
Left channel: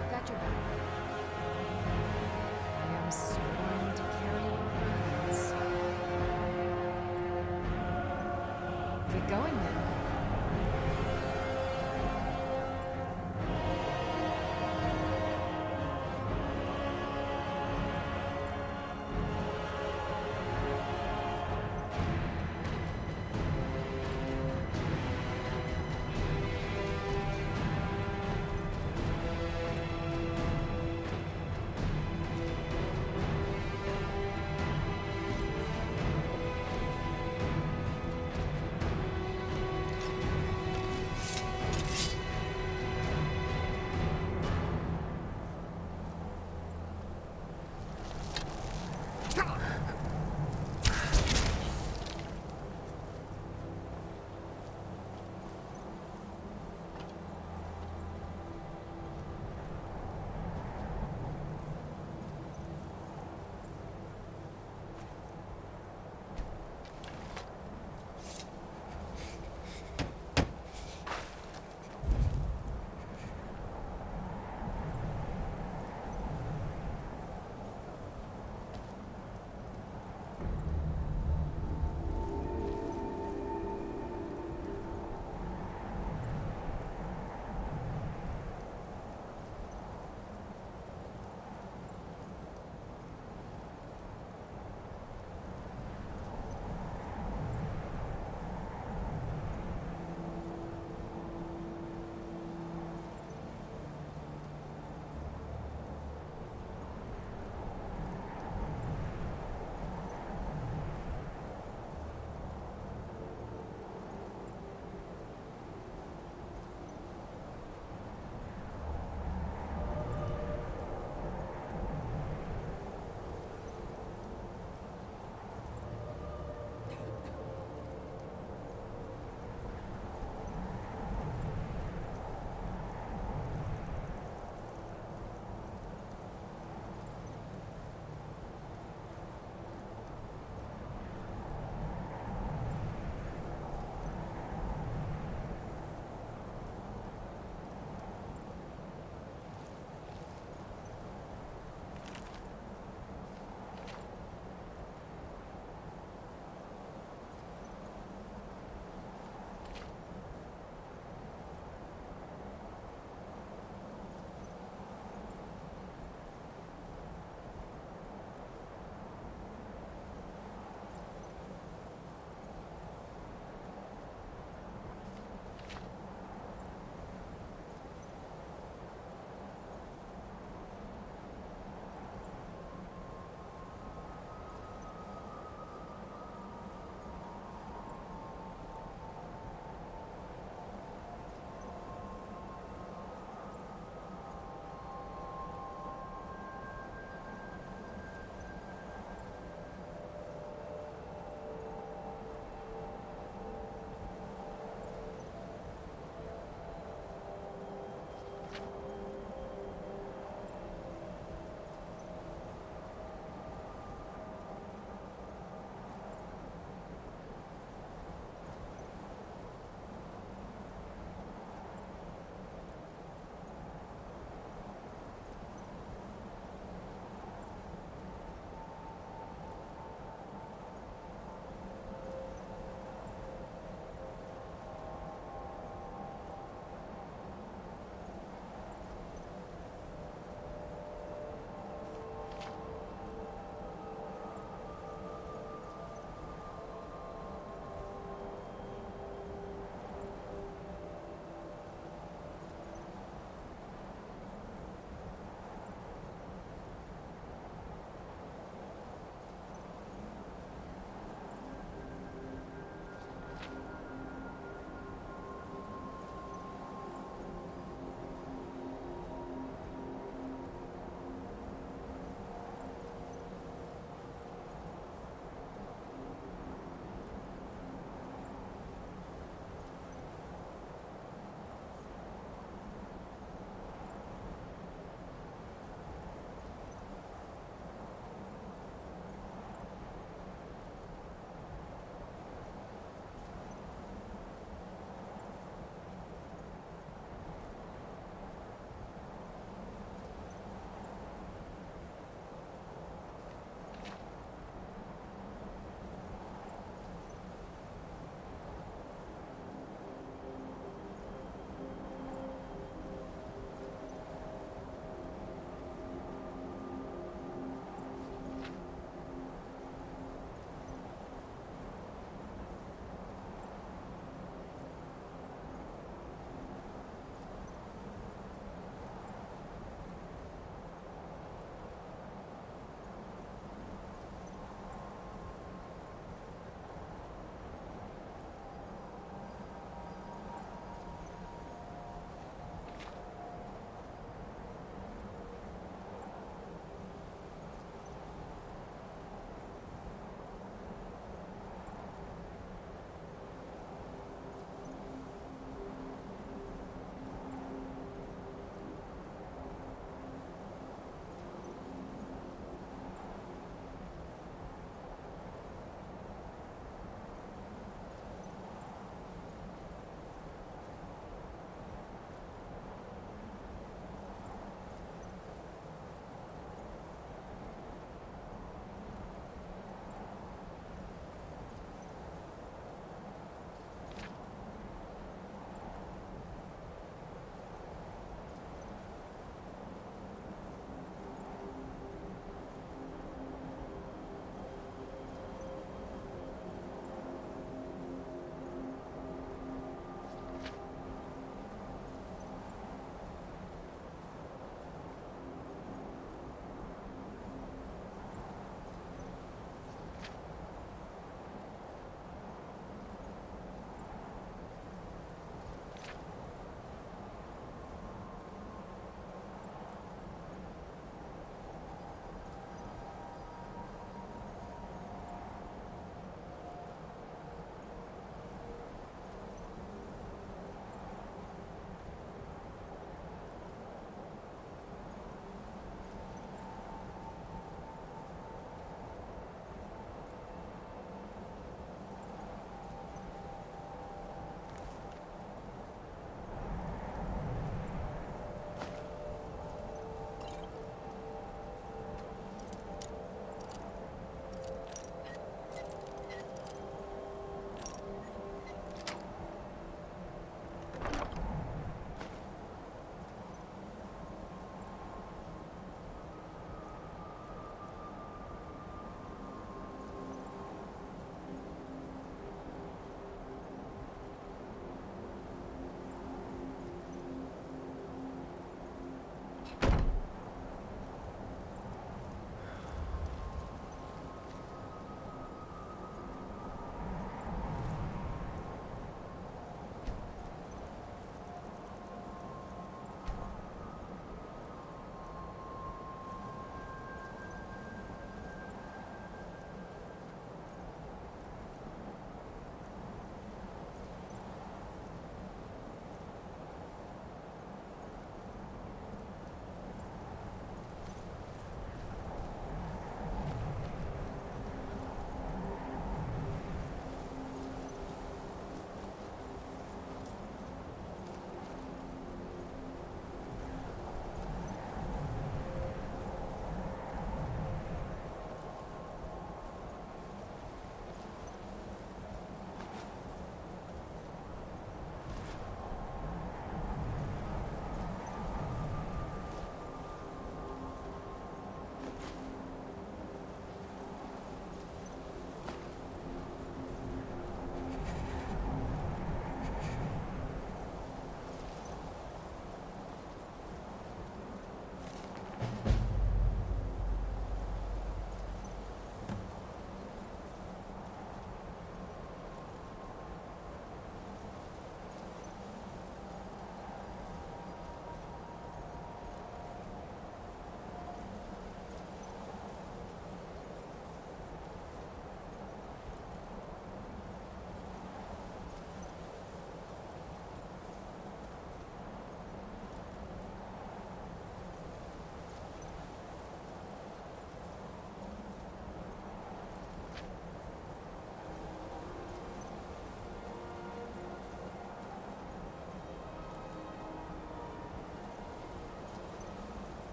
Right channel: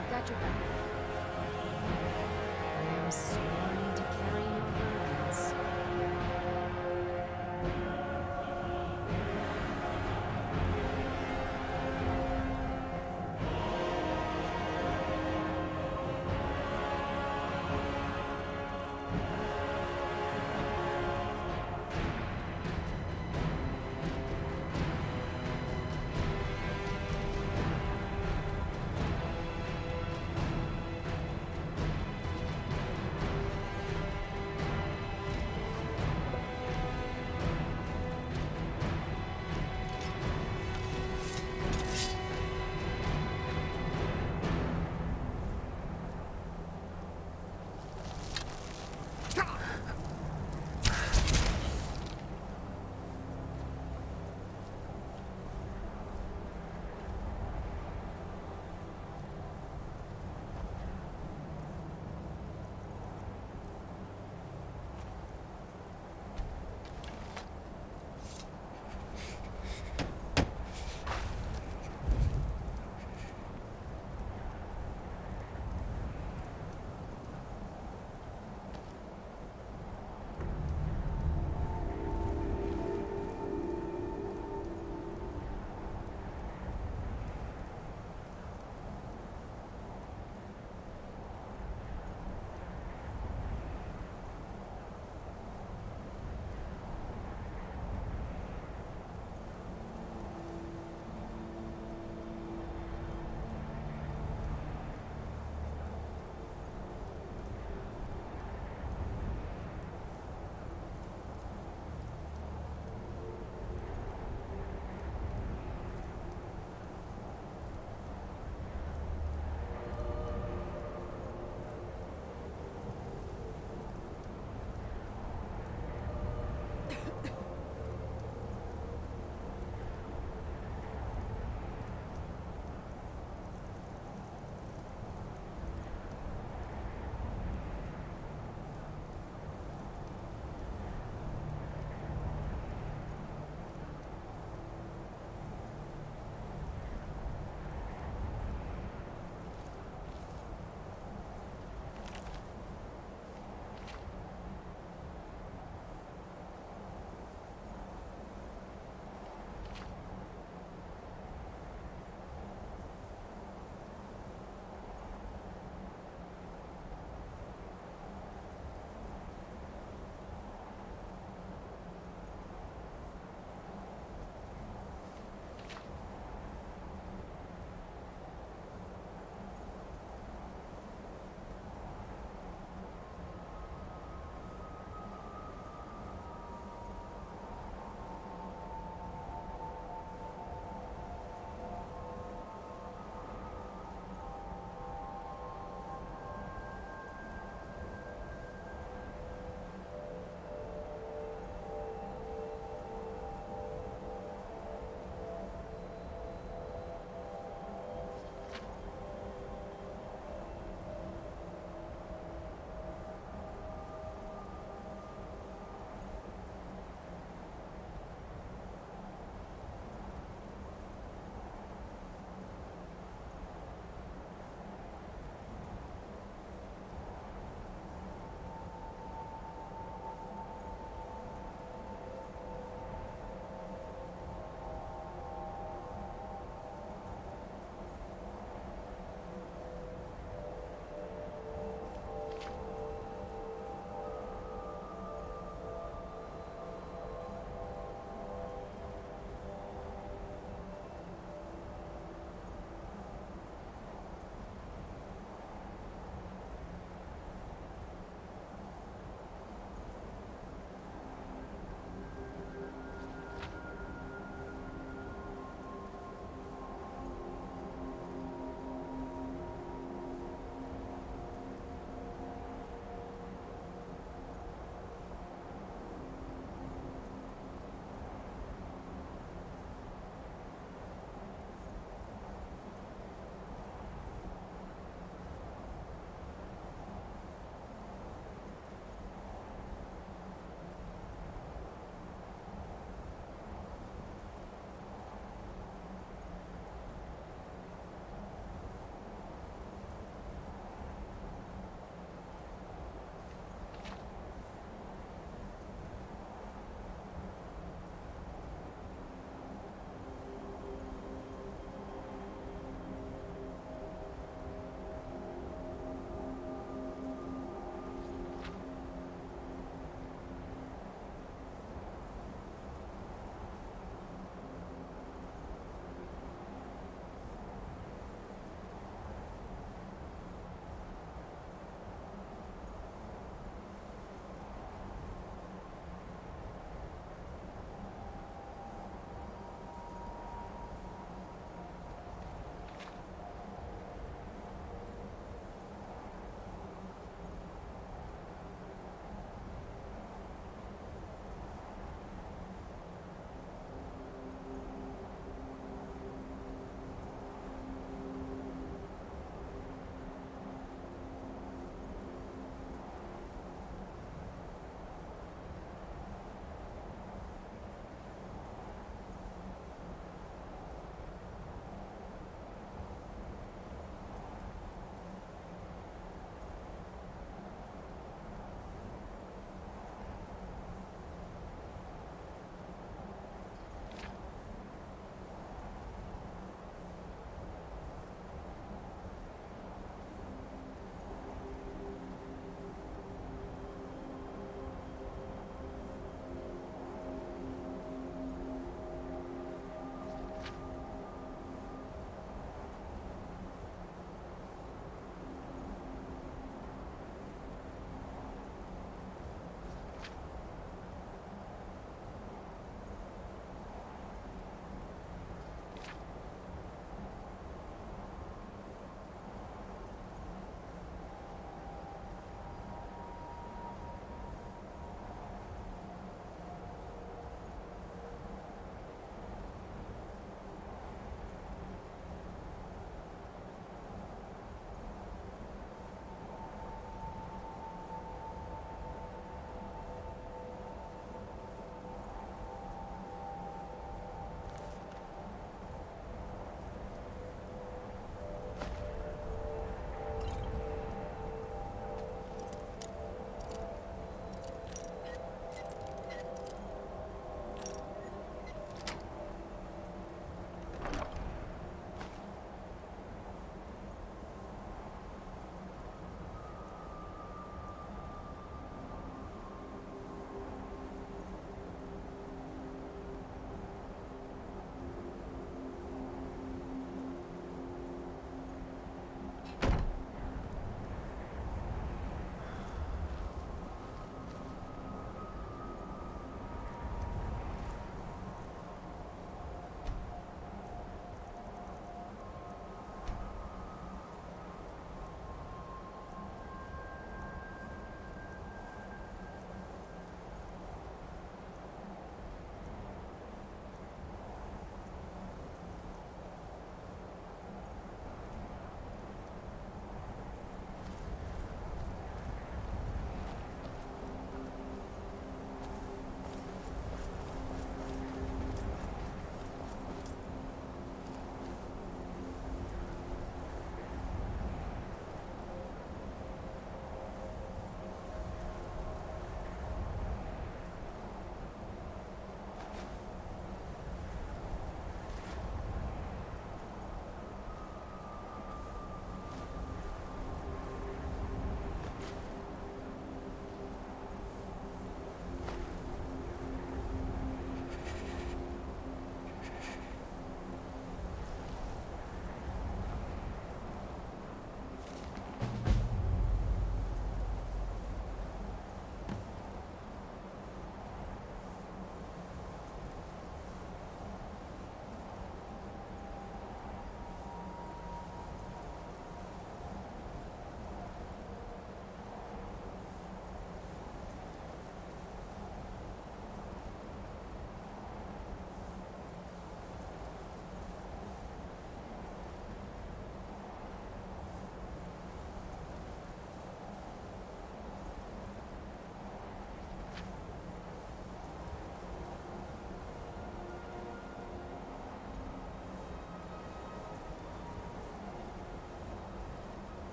I've got your back. I am sworn to carry your burdens. Get going then.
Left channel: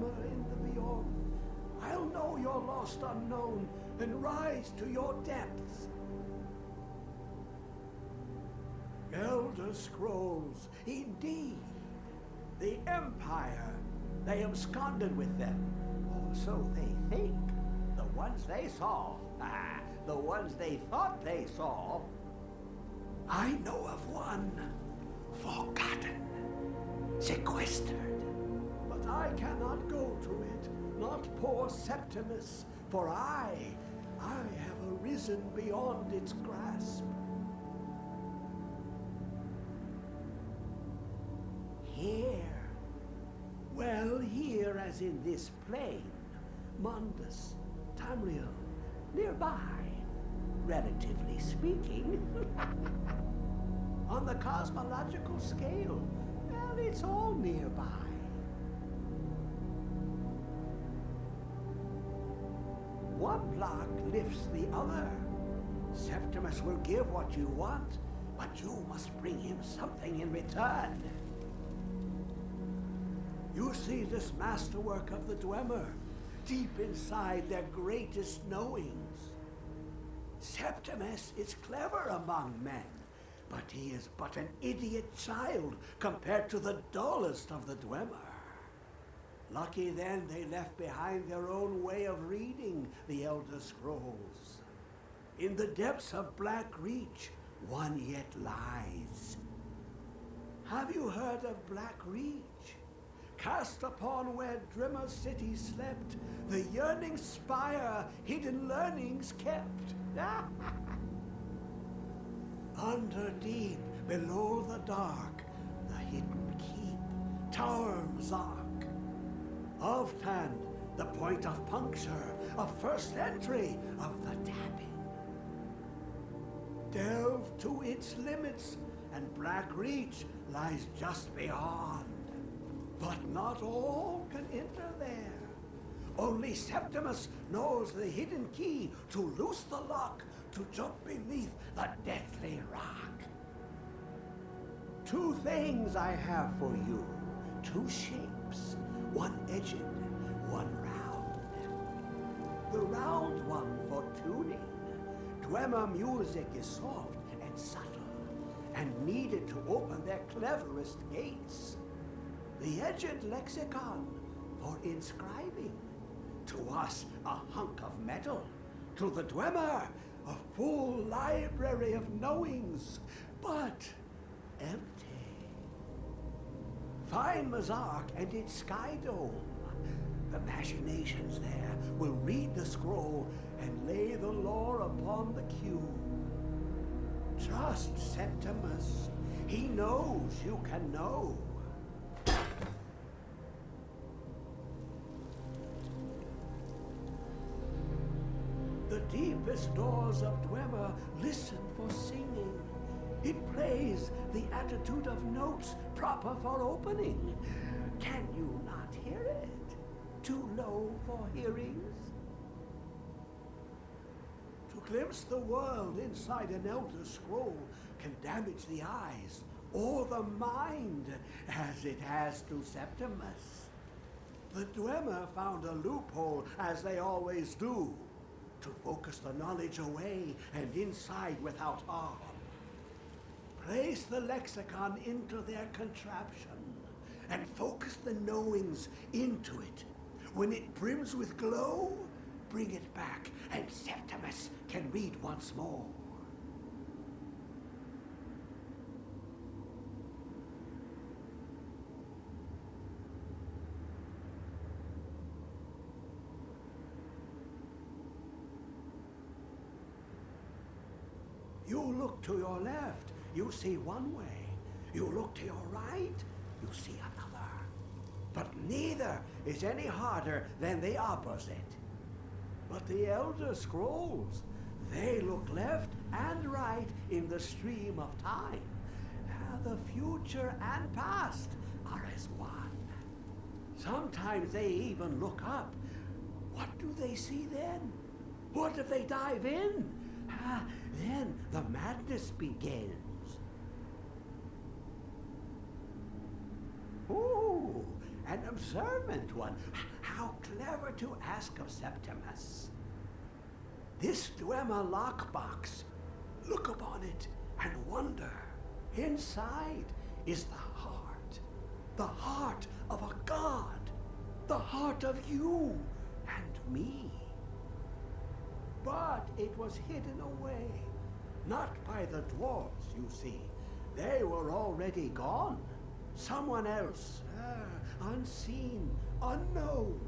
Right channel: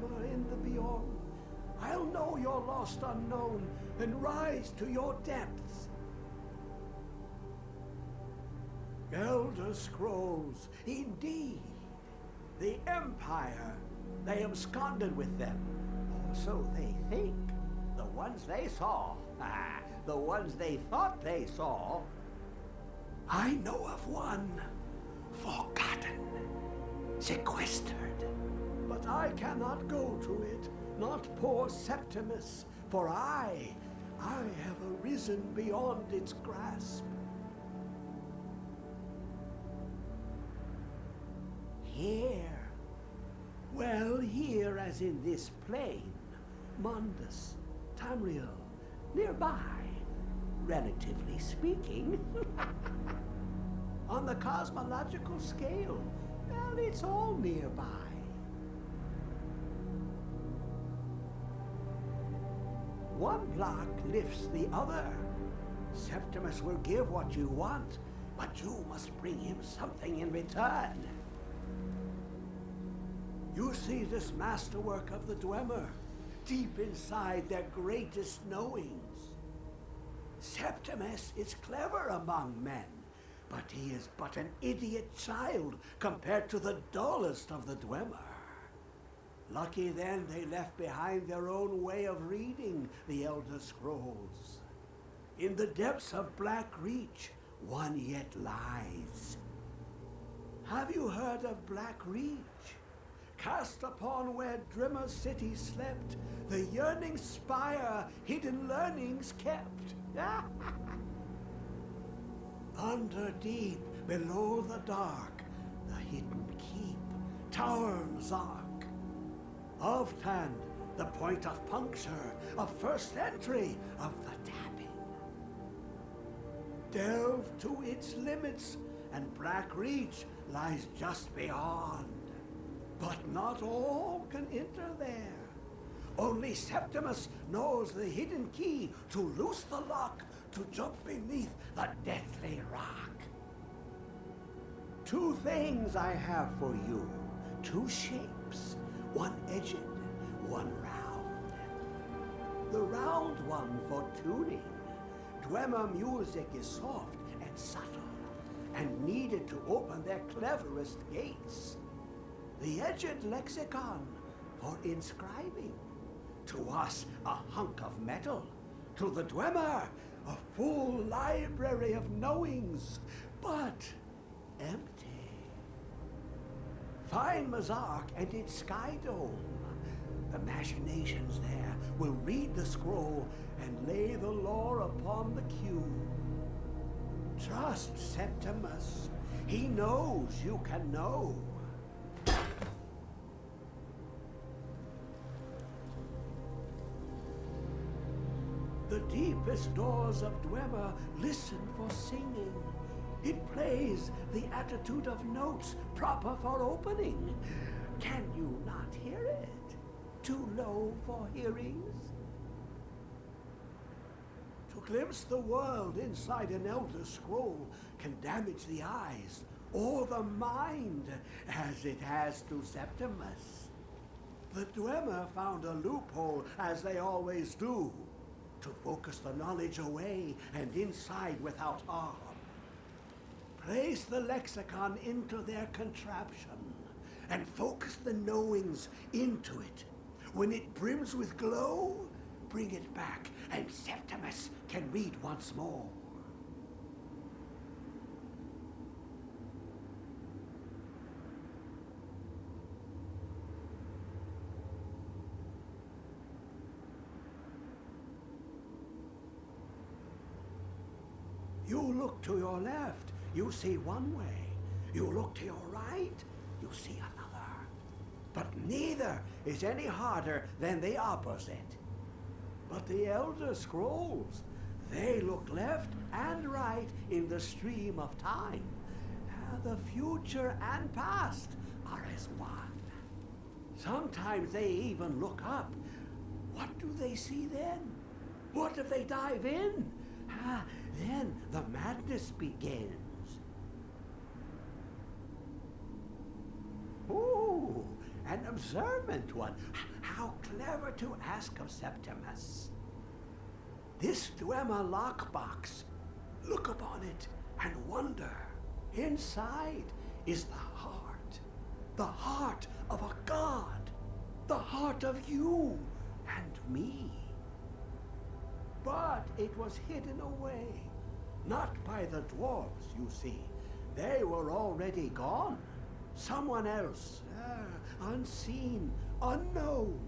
Dwemer in the beyond. I'll know your lost unknown and rise to your depths. Elder Scrolls, indeed. The Empire. They absconded with them. Or so they think. The ones they saw. The ones they thought they saw. I know of one. Forgotten. Sequestered. But I cannot go to it. Not poor Septimus. For I have arisen beyond its grasp. Here. Well, here as in this plain. Mundus, Tamriel, nearby. Relatively speaking. On the cosmological scale, well, it's all nearby. One block lifts the other. Septimus will give what you want, but you must bring him something in return. You see this masterwork of the Dwemer, deep inside their greatest knowings. Septimus is clever among men, but he is but an idiot child compared to the dullest of the Dwemer. Lucky then they left behind their own way of reading the Elder Scrolls. In the depths of Black Reach, one yet lies. Have you heard of Black Reach? Cast upon where Drimmer city slept, the yearning spire hidden learnings kept. Under deep, below the dark, the hidden keep, Tower Mzark. Of Tand, the point of puncture, of first entry, of the tapping. Delve to its limits, and Black Reach lies just beyond. But not all can enter there. Only Septimus knows the hidden key to loose the lock, to jump beneath the deathly rock. Two things I have for you, two shapes, one edged, one round. The round one for tuning. Dwemer music is soft and subtle, and needed to open their cleverest gates. The edged lexicon for inscribing. To us, a hunk of metal. To the Dwemer, a full library of knowings, but empty. Find Mzark and its sky dome. The machinations there will read the scroll and lay the lore upon the cube. Trust Septimus. He knows you can know. The deepest doors of Dwemer listen for singing. It plays the attitude of notes proper for opening. Can you not hear it? Too low for hearings? To glimpse the world inside an Elder Scroll can damage the eyes or the mind, as it has to Septimus. The Dwemer found a loophole, as they always do, to focus the knowledge away and inside without harm. Place the lexicon into their contraption and focus the knowings into it. When it brims with glow, bring it back and Septimus can read once more. You look to your left, you see one way. You look to your right, you see another. But neither is any harder than the opposite. But the Elder Scrolls, they look left and right in the stream of time. The future and past are as one. Sometimes they even look up. What do they see then? What if they dive in? Then the madness begins. Ooh, an observant one. How clever to ask of Septimus. This Dwemer lockbox. Look upon it and wonder. Inside is the heart of a god, the heart of you and me. But it was hidden away, not by the dwarves, you see. They were already gone. Someone else, unseen, unknown,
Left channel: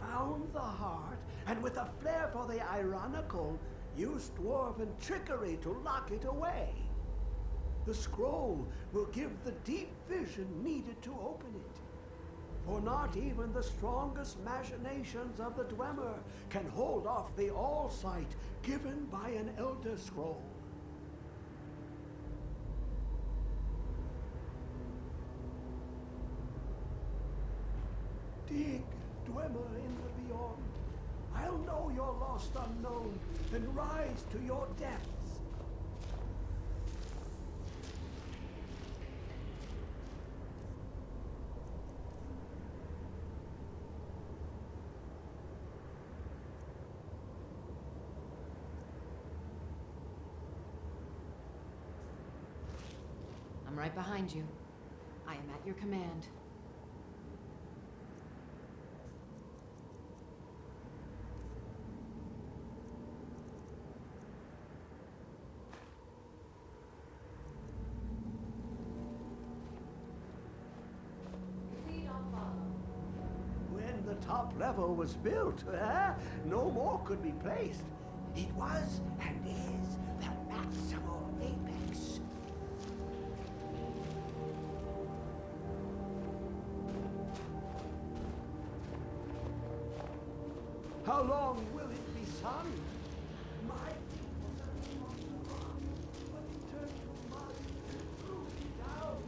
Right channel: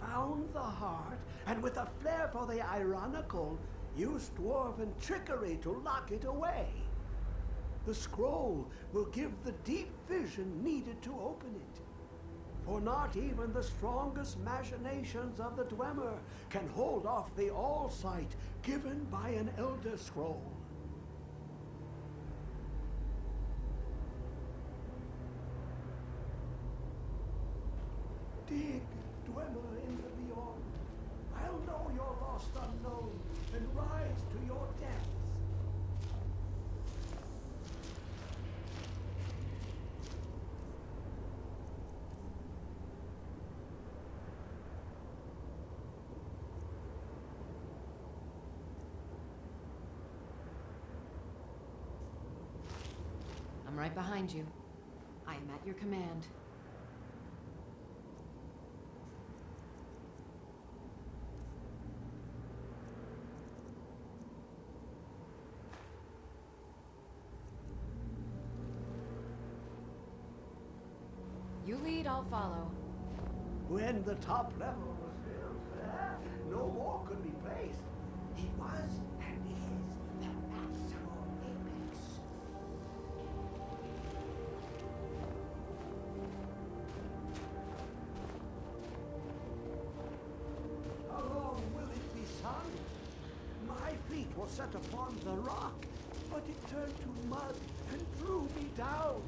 found the heart, and with a flair for the ironical, used dwarven trickery to lock it away. The scroll will give the deep vision needed to open it. For not even the strongest machinations of the Dwemer can hold off the all-sight given by an Elder Scroll. Dig, Dwemer in the beyond. I'll know your lost unknown and rise to your depths. I'm right behind you. I am at your command. You lead, I'll follow. When the top level was built, no more could be placed. It was and is the maximal apex. How long will it be sung? My feet were set upon the rock, but it turned to mud and drew me down.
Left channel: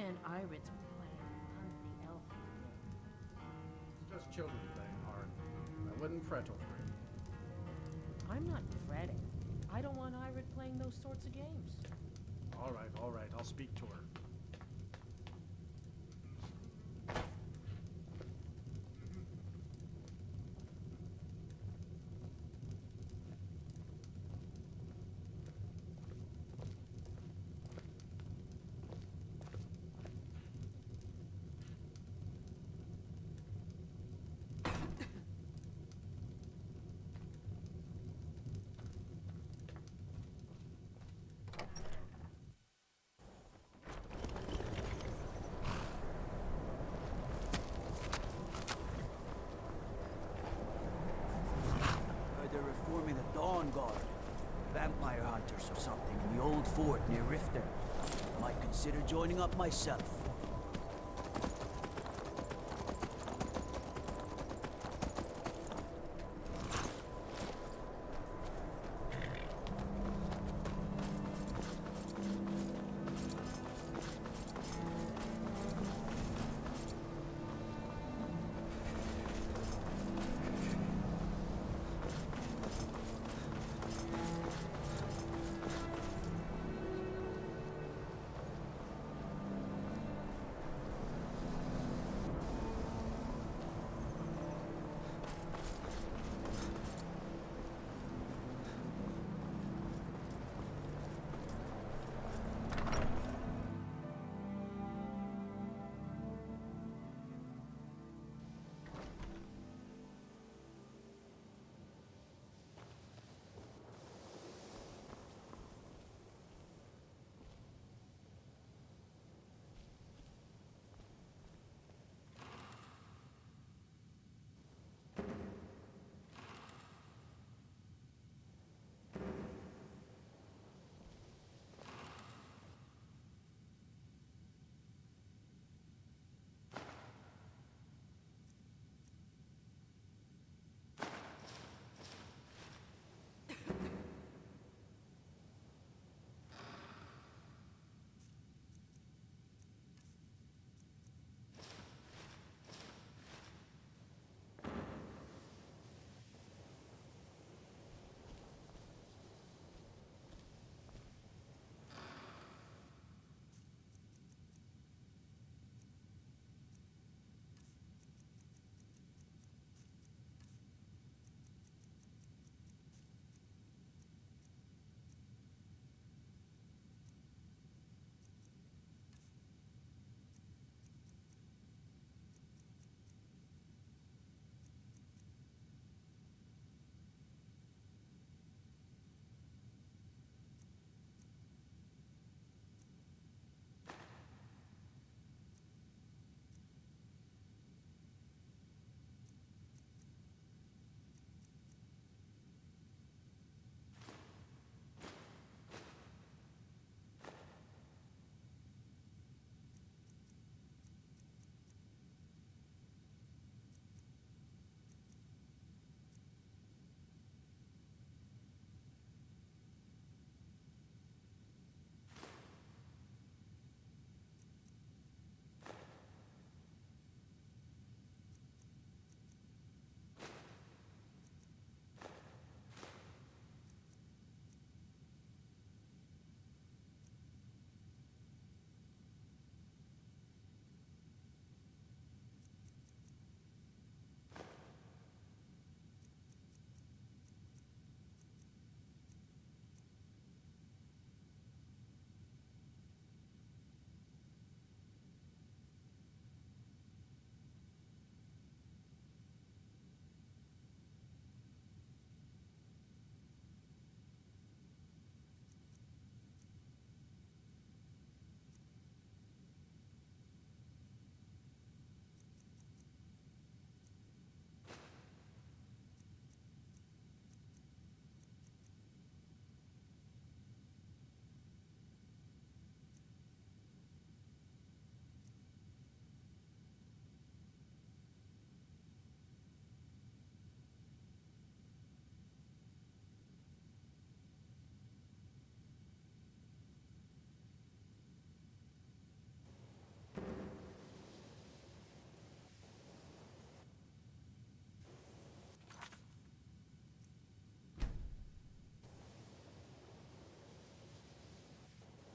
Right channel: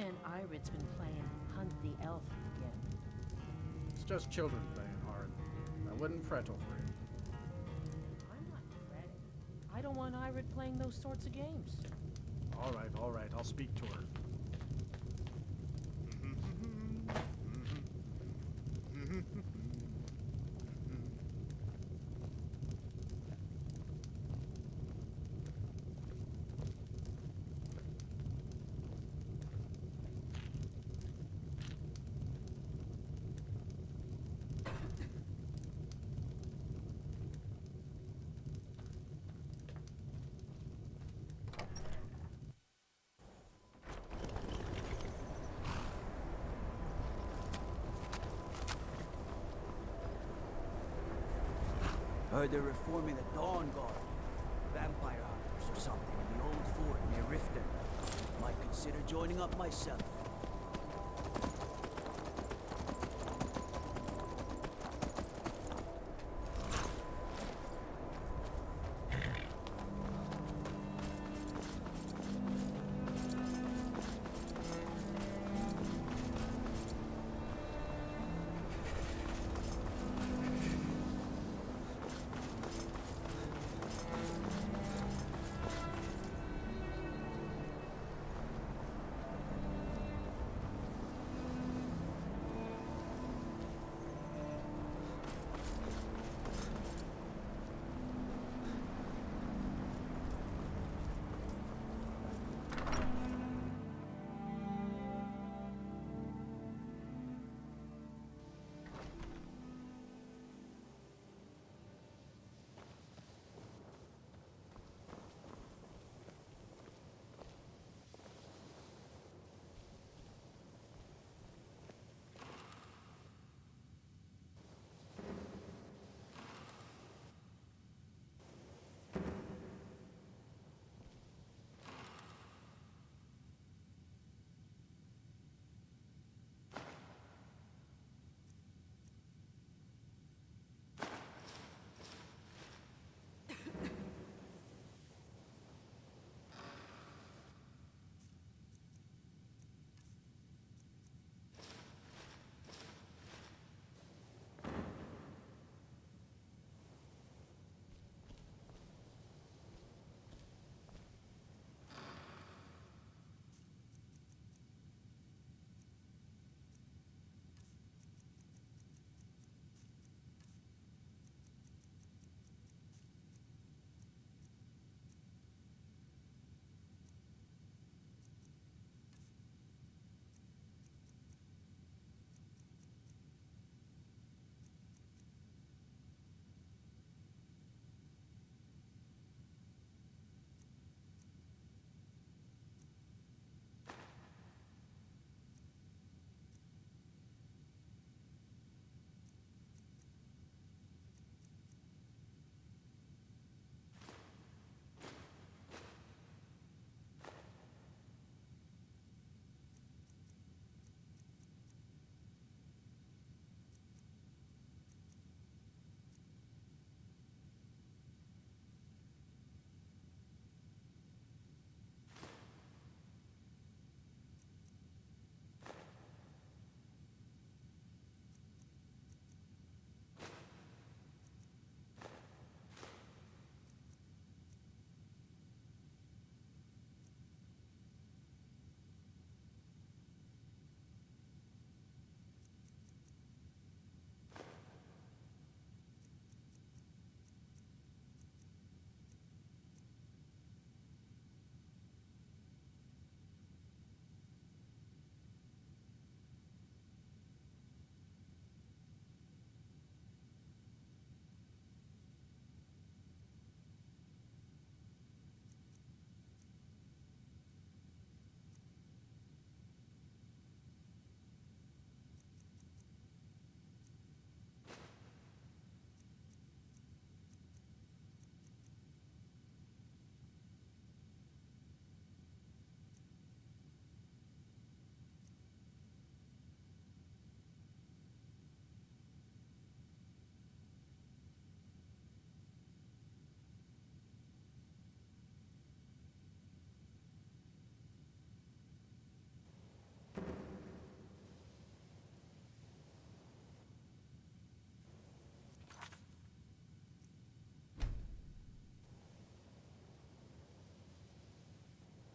understand Irid's been playing Hunt the Elf again. It's just children playing hard. I wouldn't fret over it. I'm not fretting. I don't want Irid playing those sorts of games. All right, I'll speak to her. Heard they're reforming the Dawn Guard. Vampire hunters or something in the old fort near Riften. Might consider joining up myself.